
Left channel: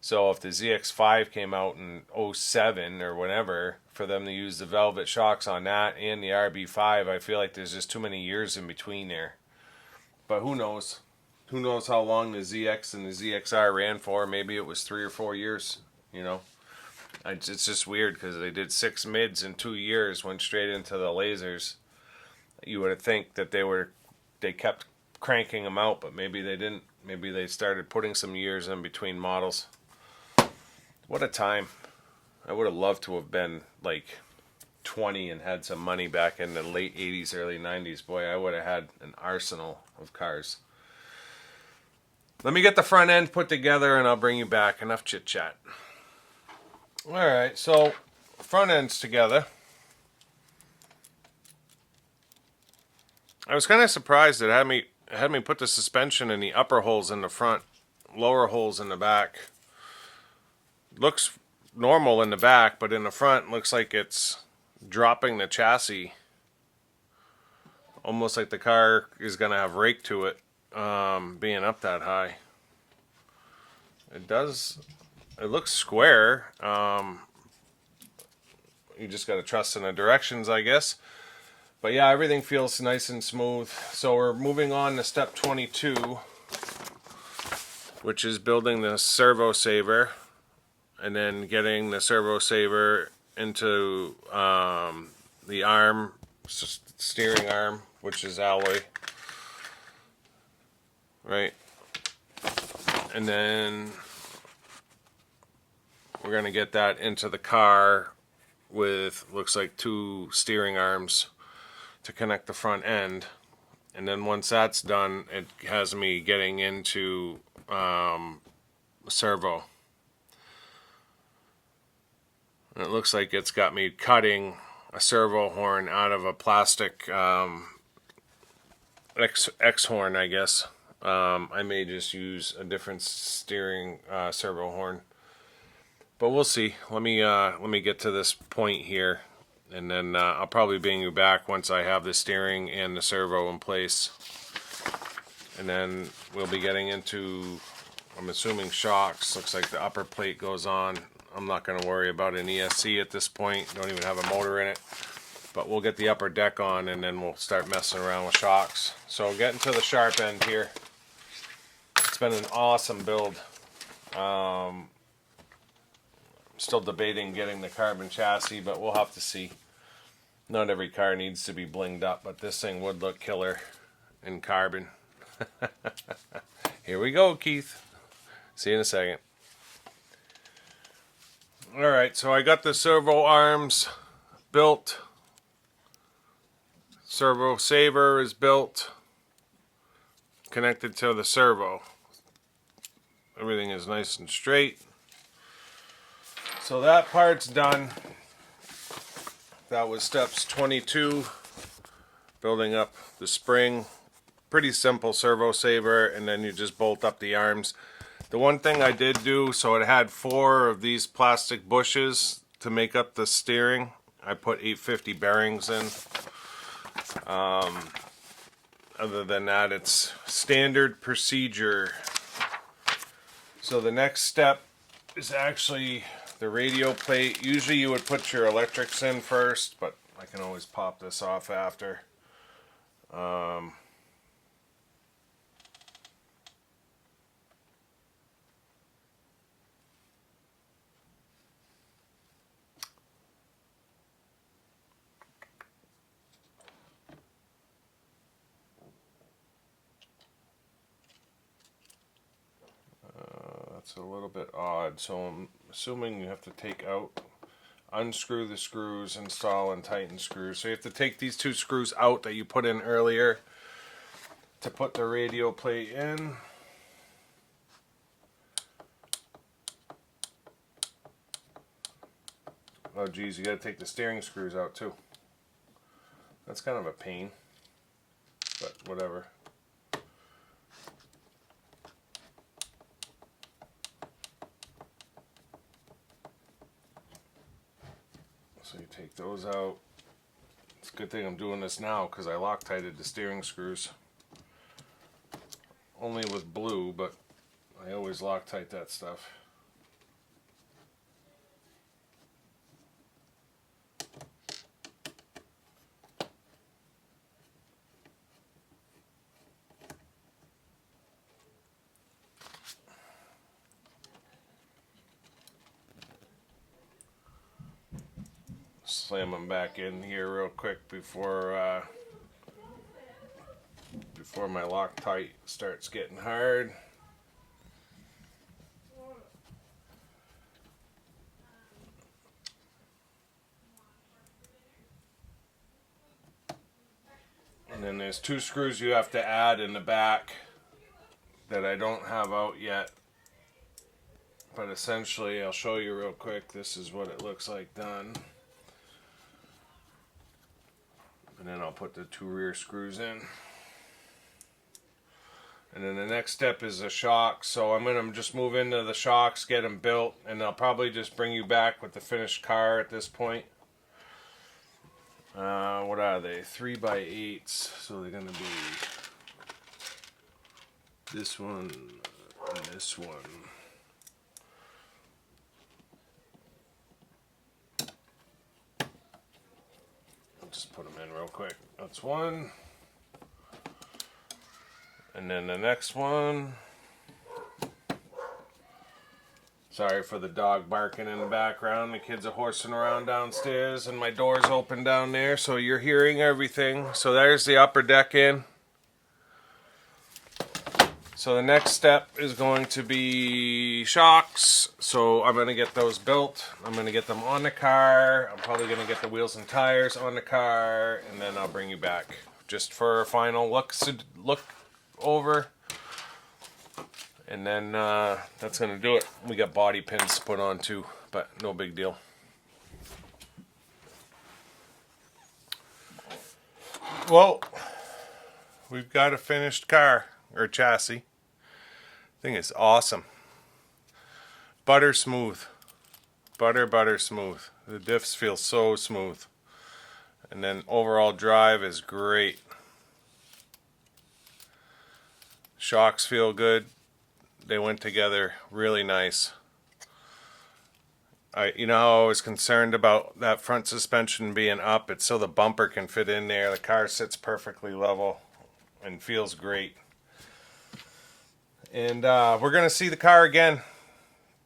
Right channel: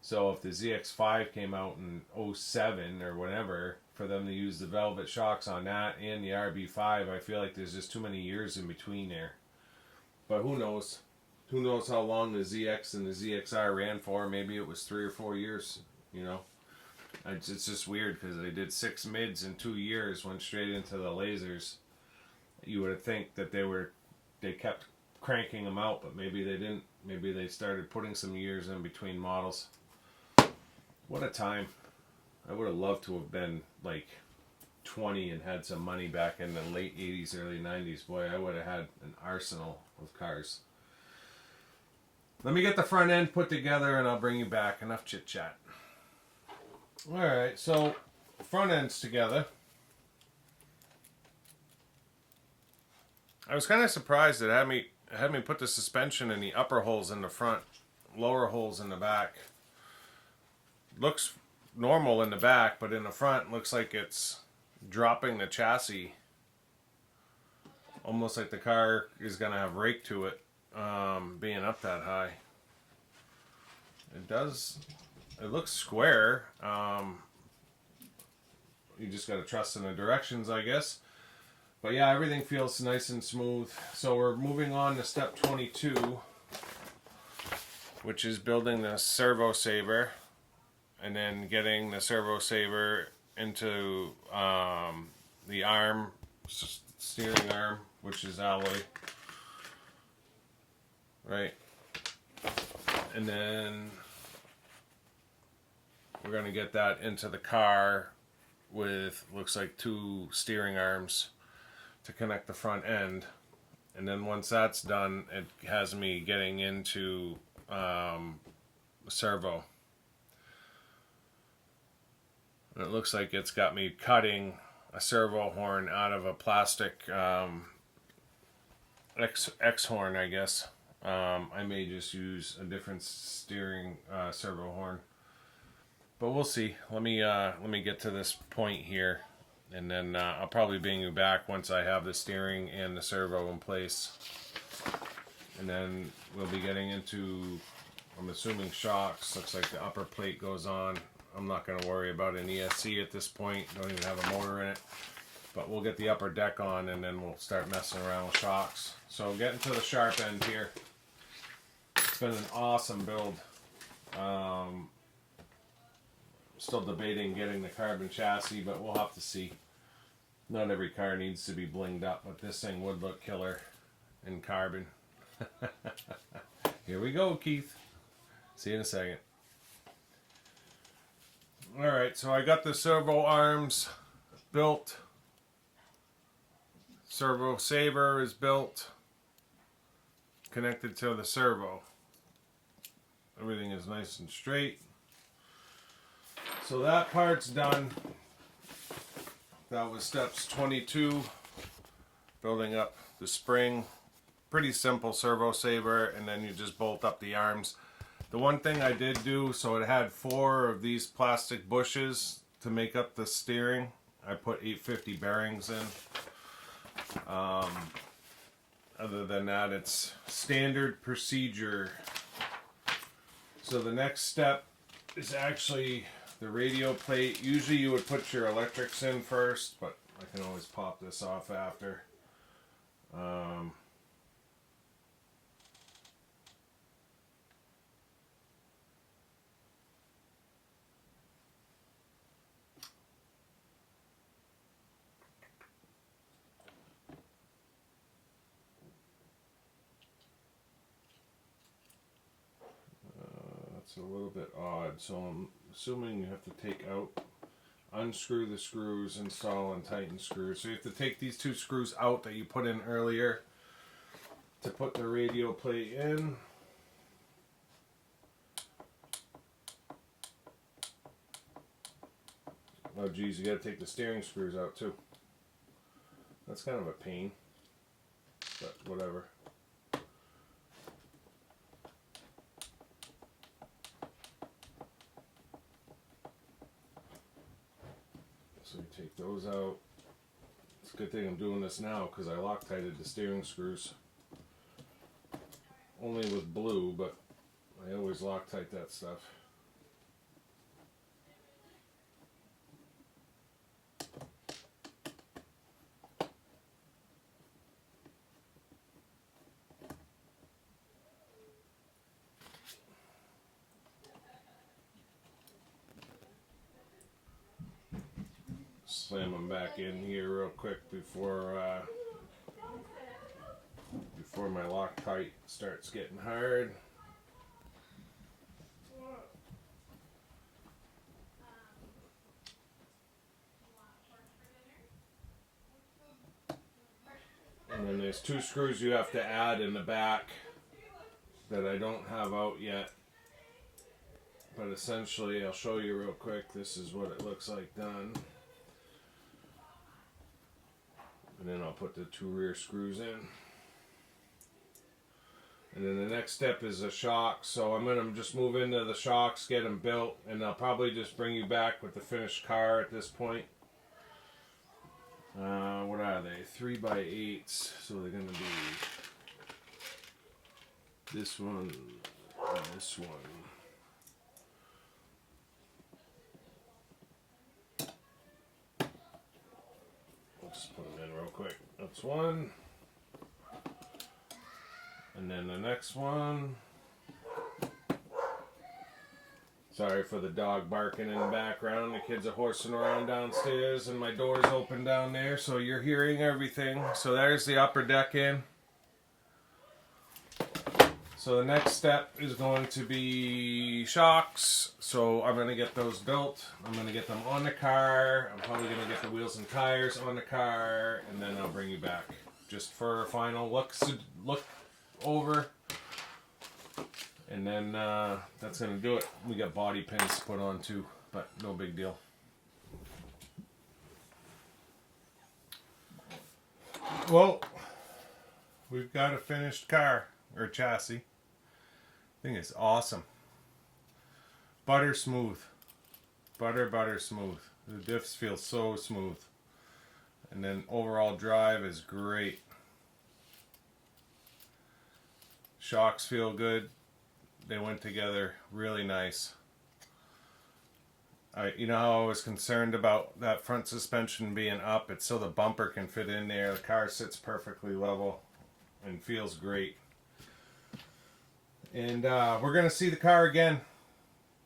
So if the ZX5 came out in 07 or whenever, for them to use the velvet shocks on that and the RB5, I feel like there's just too many years in between there. But who knows? Who knows how long the ZX and the ZXR ran for? Maybe it was 3 or 4 years, you know. It's just weird because they did 6 mids in 2 years, went straight into the lasers. You would think that they kept cranking them out, but maybe they didn't. Maybe they started putting some years in between models. What a time. I would have loved to have been like 20 and had some money back in the late 80s, early 90s. Boy, I would have had an arsenal of cars. Let me get the front end put together and I'll bring you back. Enough chit chat. Alright, so front end's together. I was kind of surprised that it had me put the suspension in the upper holes in the front, lower holes in the back. Looks normal in the back, but in the front looks like it's dropping the chassis. Almost like the car is going to have rake to it, being up that high. It looks square. You just got to trust in the directions, I guess. But yeah, everything feels nice and smooth. So we're moving on to step 22, which is building the servo saver, and then getting the servo saver into the arm, steering arm, which is alloy, right? And then we're going to get that into the car with, looks like 2 steering arms to connect the front end. And then once that's done, it has me getting into servo. And it looks like it's got me cutting a servo horn out of a plastic X horn, I guess. I may just use a different steering servo horn, but we'll see. Let me get to this point here, and then I'll probably bring you back once I have the steering and the servo in place, and then we'll be getting into, I'm assuming, shocks. Looks like the upper plate goes on. I'm not going to worry about an ESC at this point. Don't even have a motor in it. But we'll get the upper deck on, and then we'll start messing around with shocks. So getting to the sharp end here. It's been an awesome build. Still debating getting the carbon chassis, but we'll have to see. Not every car needs to be blinged up, but this thing would look killer in carbon. Here we go, Keith. See you in a second. Alright, so I got the servo arms built. Servo saver is built. Connected to the servo. Everything is nice and straight. So that part's done. That was steps 22. Building up the spring. Pretty simple servo saver, and then you just bolt up the arms. The one thing I did do, so it had 4 of these plastic bushes to make up the steering. I put 850 bearings in. Other than that, it's standard procedure. So the next step is actually the radio plate. Usually you would put your electrics in first, but I can always pop this off after. That's a little bit odd, so I'm assuming you have to take out, unscrew the screws, install and tighten screws. So you have to take these 2 screws out that you put in earlier to put the radio plate in. Oh geez, you gotta take the steering screws out too. That's kind of a pain, but whatever. So you take those out. It's a good thing I'm doing this now because I Loctited the steering screws. Only with blue, but I always Loctite that stuff. Slam them back in here real quick before my Loctite starts getting hard. And then there's 2 screws you have to add in the back that I don't have out yet. But essentially, I'll show you real quick. This is what it looks like done. And then I'll put the 2 rear screws in. And then the next step is the shocks. So I'm going to just move into the shocks, get them built, and I'll probably just bring you back with the finished car at this point. What are they? 3x8s. So they're going to be this one and this one. I'll just put them in real quick. That's one. And then the next one. Sorry for the dog barking in the background. The kids are horsing around downstairs and my door's open down there, so you're hearing everything. So there's the upper deck in. So the next step is going to be shocks. So I'm going to get those built. I'm going to get them on the car. I'm probably going to get the wheels and tires on the car, and then I'll bring you back just for a final look over. And then that's going to do it. We got body pins to put on too, but no big deal. Well, we've got a finished car, or chassis. Thing is awesome. Butter smooth. Butter smooth. The diffs feel so smooth. And then overall drive is great. Shocks feel good. They went together really nice. You know how I was concerned about that front suspension being up? It's so the bumper can fit in there. The car sits perfectly level and feels great. And we're going to see the car again.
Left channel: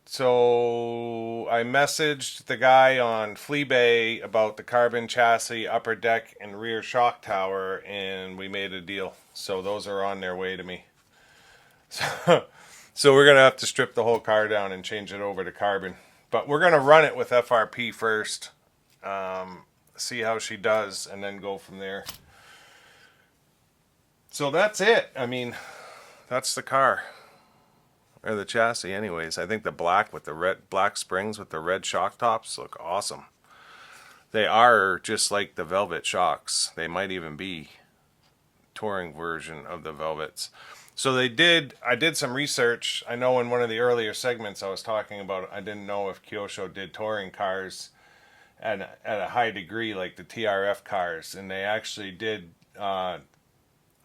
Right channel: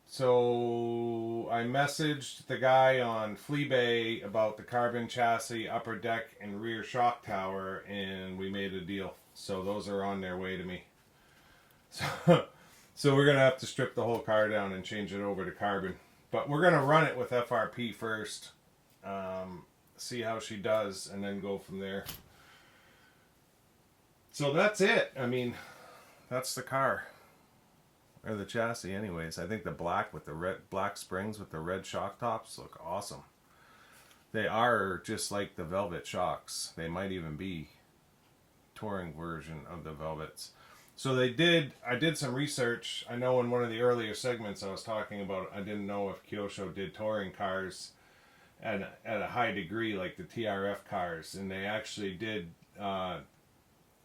So I messaged the guy on Fleabay about the carbon chassis, upper deck, and rear shock tower, and we made a deal. So those are on their way to me. So we're going to have to strip the whole car down and change it over to carbon. But we're going to run it with FRP first, see how she does, and then go from there. So that's it. I mean, that's the car. Or the chassis anyways. I think the black with the red, black springs with the red shock tops look awesome. They are just like the Velvet shocks. They might even be touring version of the Velvets. So I did some research. I know in one of the earlier segments I was talking about, I didn't know if Kyosho did touring cars at a high degree like the TRF cars, and they actually did.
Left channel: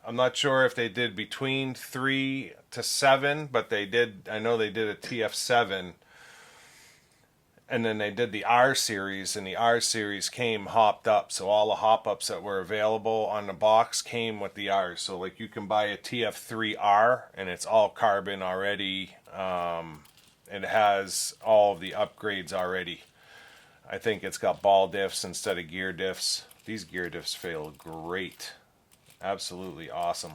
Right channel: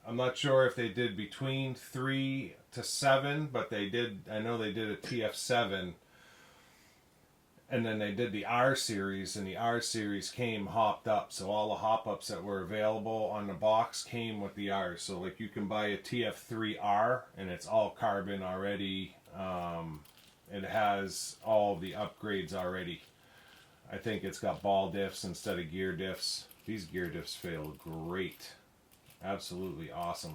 I'm not sure if they did between 3 to 7, but they did. I know they did a TF7, and then they did the R series, and the R series came hopped up. So all the hop ups that were available on the box came with the R. So like you can buy a TF3R, and it's all carbon already. It has all of the upgrades already. I think it's got ball diffs instead of gear diffs. These gear diffs feel great. Absolutely awesome.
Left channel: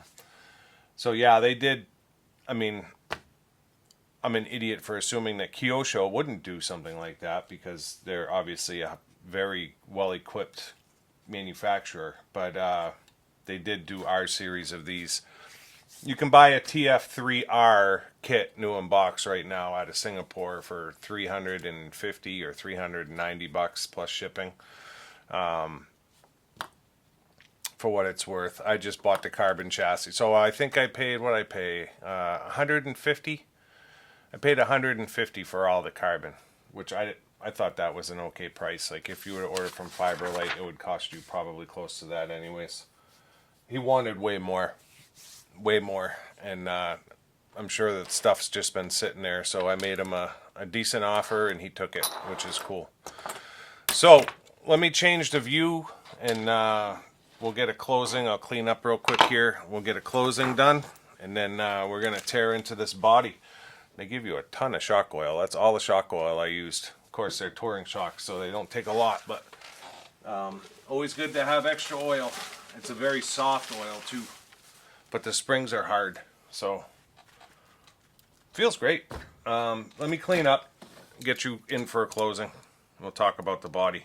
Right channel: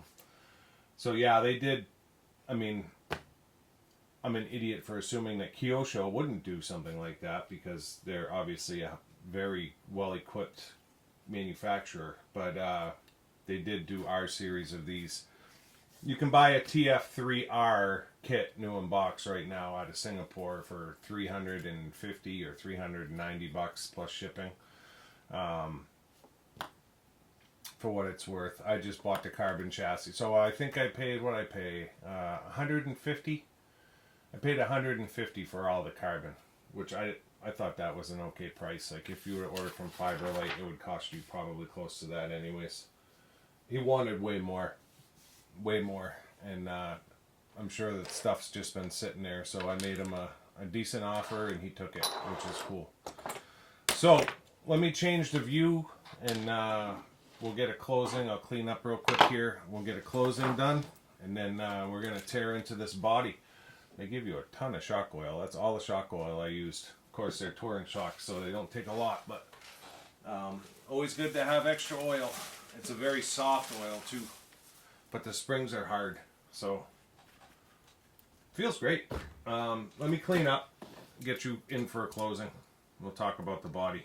So yeah, they did. I mean, I'm an idiot for assuming that Kyosho wouldn't do something like that because they're obviously a very well-equipped manufacturer. But they did do R series of these. You can buy a TF3R kit new in box right now out of Singapore for $350 or $390 plus shipping. For what it's worth. I just bought the carbon chassis. So I think I paid what I pay, $150. I paid $150 for all the carbon, which I thought that was an okay price. Like if you were to order from Fiberlight, it would cost you probably close to that anyways. He wanted way more, and I'm sure that stuff's just been sitting there. So I made him a decent offer, and he took it, which is cool. So let me change the view, and we'll get a closing. I'll clean up real quick here. We'll get a closing done, and then we're going to tear into this body. They give you a ton of shock oil. That's all the shock oil I used. Of course, they're touring shocks, so they don't take a lot, but always good to have extra oil. It's a very soft oil, too. But the springs are hard, so feels great. Let me clean up, get you in for a closing. We'll talk about the body.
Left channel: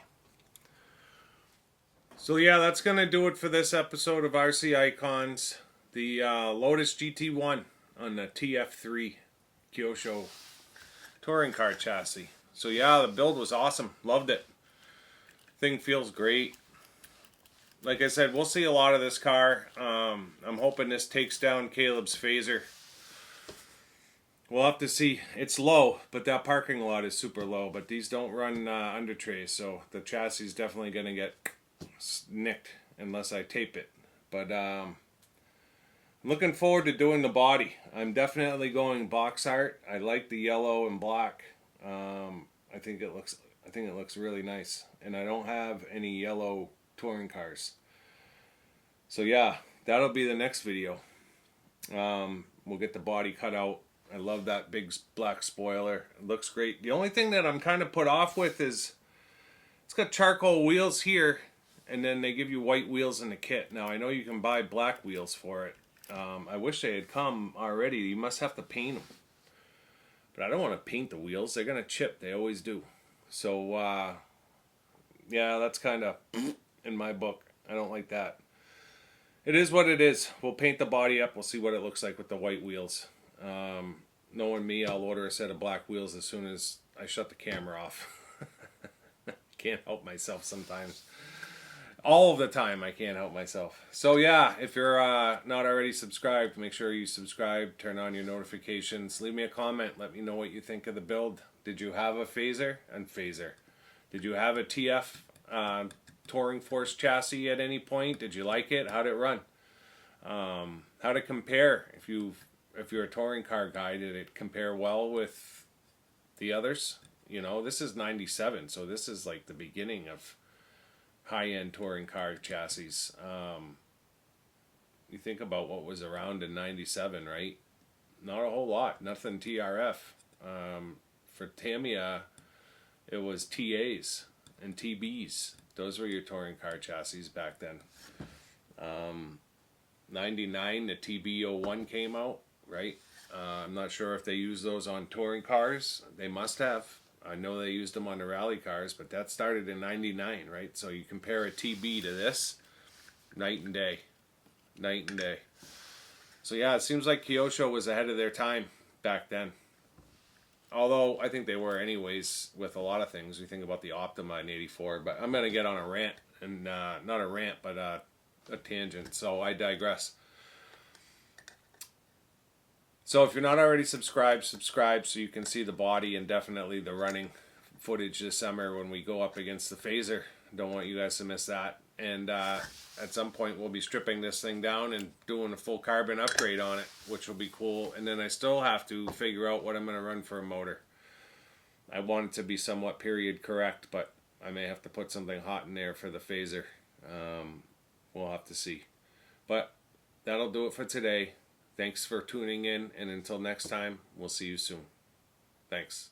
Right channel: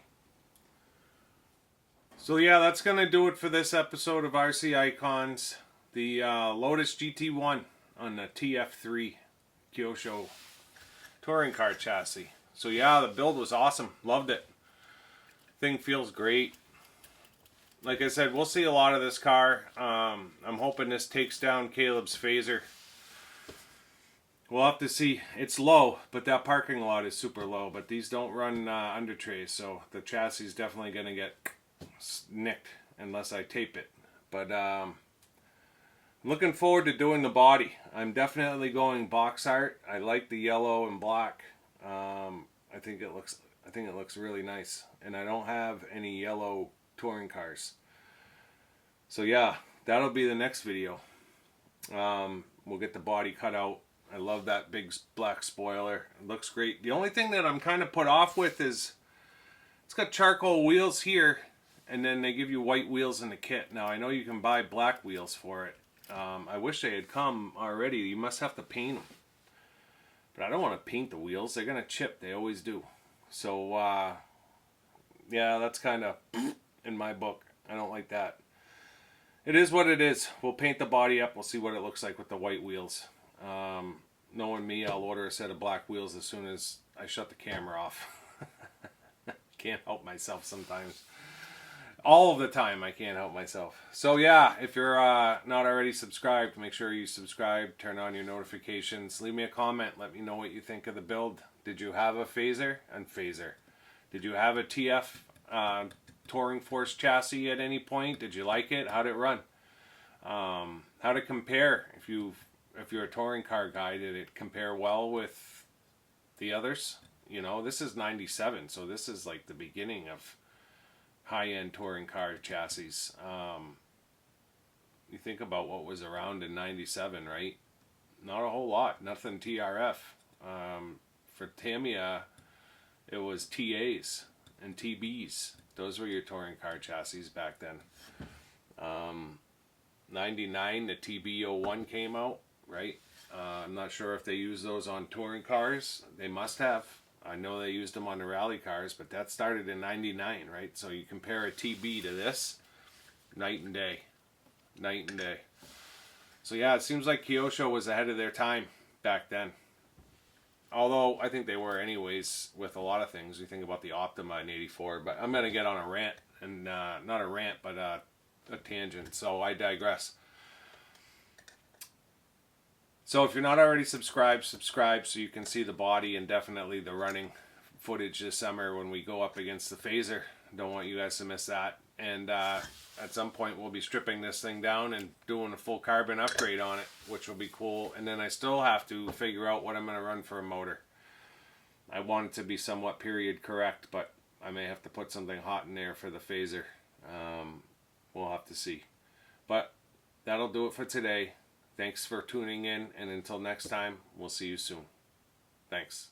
So yeah, that's going to do it for this episode of RC Icons. The Lotus GT1 on the TF3 Kyosho touring car chassis. So yeah, the build was awesome. Loved it. Thing feels great. Like I said, we'll see a lot of this car. I'm hoping this takes down Caleb's Phaser. We'll have to see. It's low, but that parking lot is super low. But these don't run under trays, so the chassis is definitely going to get nicked unless I tape it. But looking forward to doing the body. I'm definitely going box art. I like the yellow and black. I think it looks really nice, and I don't have any yellow touring cars. So yeah, that'll be the next video. We'll get the body cut out. I love that big black spoiler. It looks great. The only thing that I'm kind of put off with is it's got charcoal wheels here, and then they give you white wheels in the kit. Now I know you can buy black wheels for it, I wish they had come already. You must have to paint them. But I don't want to paint the wheels. They're going to chip. They always do. So, yeah, that's kind of in my book. I don't like that. It is what it is. We'll paint the body up. We'll see what it looks like with the white wheels. Knowing me, I'll order a set of black wheels as soon as I shut the camera off. Can't help myself sometimes. All of the time, I can't help myself. So yeah, if you're not already subscribed, make sure you subscribe, turn on your notifications, leave me a comment, let me know what you think of the build. Did you have a phaser? Did you have a TF Touring Force chassis at any point? Did you like it? How'd it run? How'd it compare? If you're a touring car guy, did it compare well with the others? You know, this is 97, so this is like the beginning of high-end touring car chassis. You think about what was around in 97, right? Not a whole lot. Nothing TRF. For Tamiya, it was TAs and TBs. Those were your touring car chassis back then. 99, the TB01 came out, right? I'm not sure if they use those on touring cars. They must have. I know they used them on the rally cars, but that started in 99, right? So you compare a TB to this, night and day. Night and day. So yeah, it seems like Kyosho was ahead of their time back then. Although I think they were anyways with a lot of things. We think about the Optima in 84, but I'm going to get on a rant, and not a rant, but a tangent, so I digress. So if you're not already subscribed, subscribe so you can see the body and definitely the running footage this summer when we go up against the phaser. Don't want you guys to miss that. And at some point we'll be stripping this thing down and doing a full carbon upgrade on it, which will be cool. And then I still have to figure out what I'm going to run for a motor. I want it to be somewhat period correct, but I may have to put something hot in there for the phaser. We'll have to see. But that'll do it for today. Thanks for tuning in, and until next time, we'll see you soon. Thanks.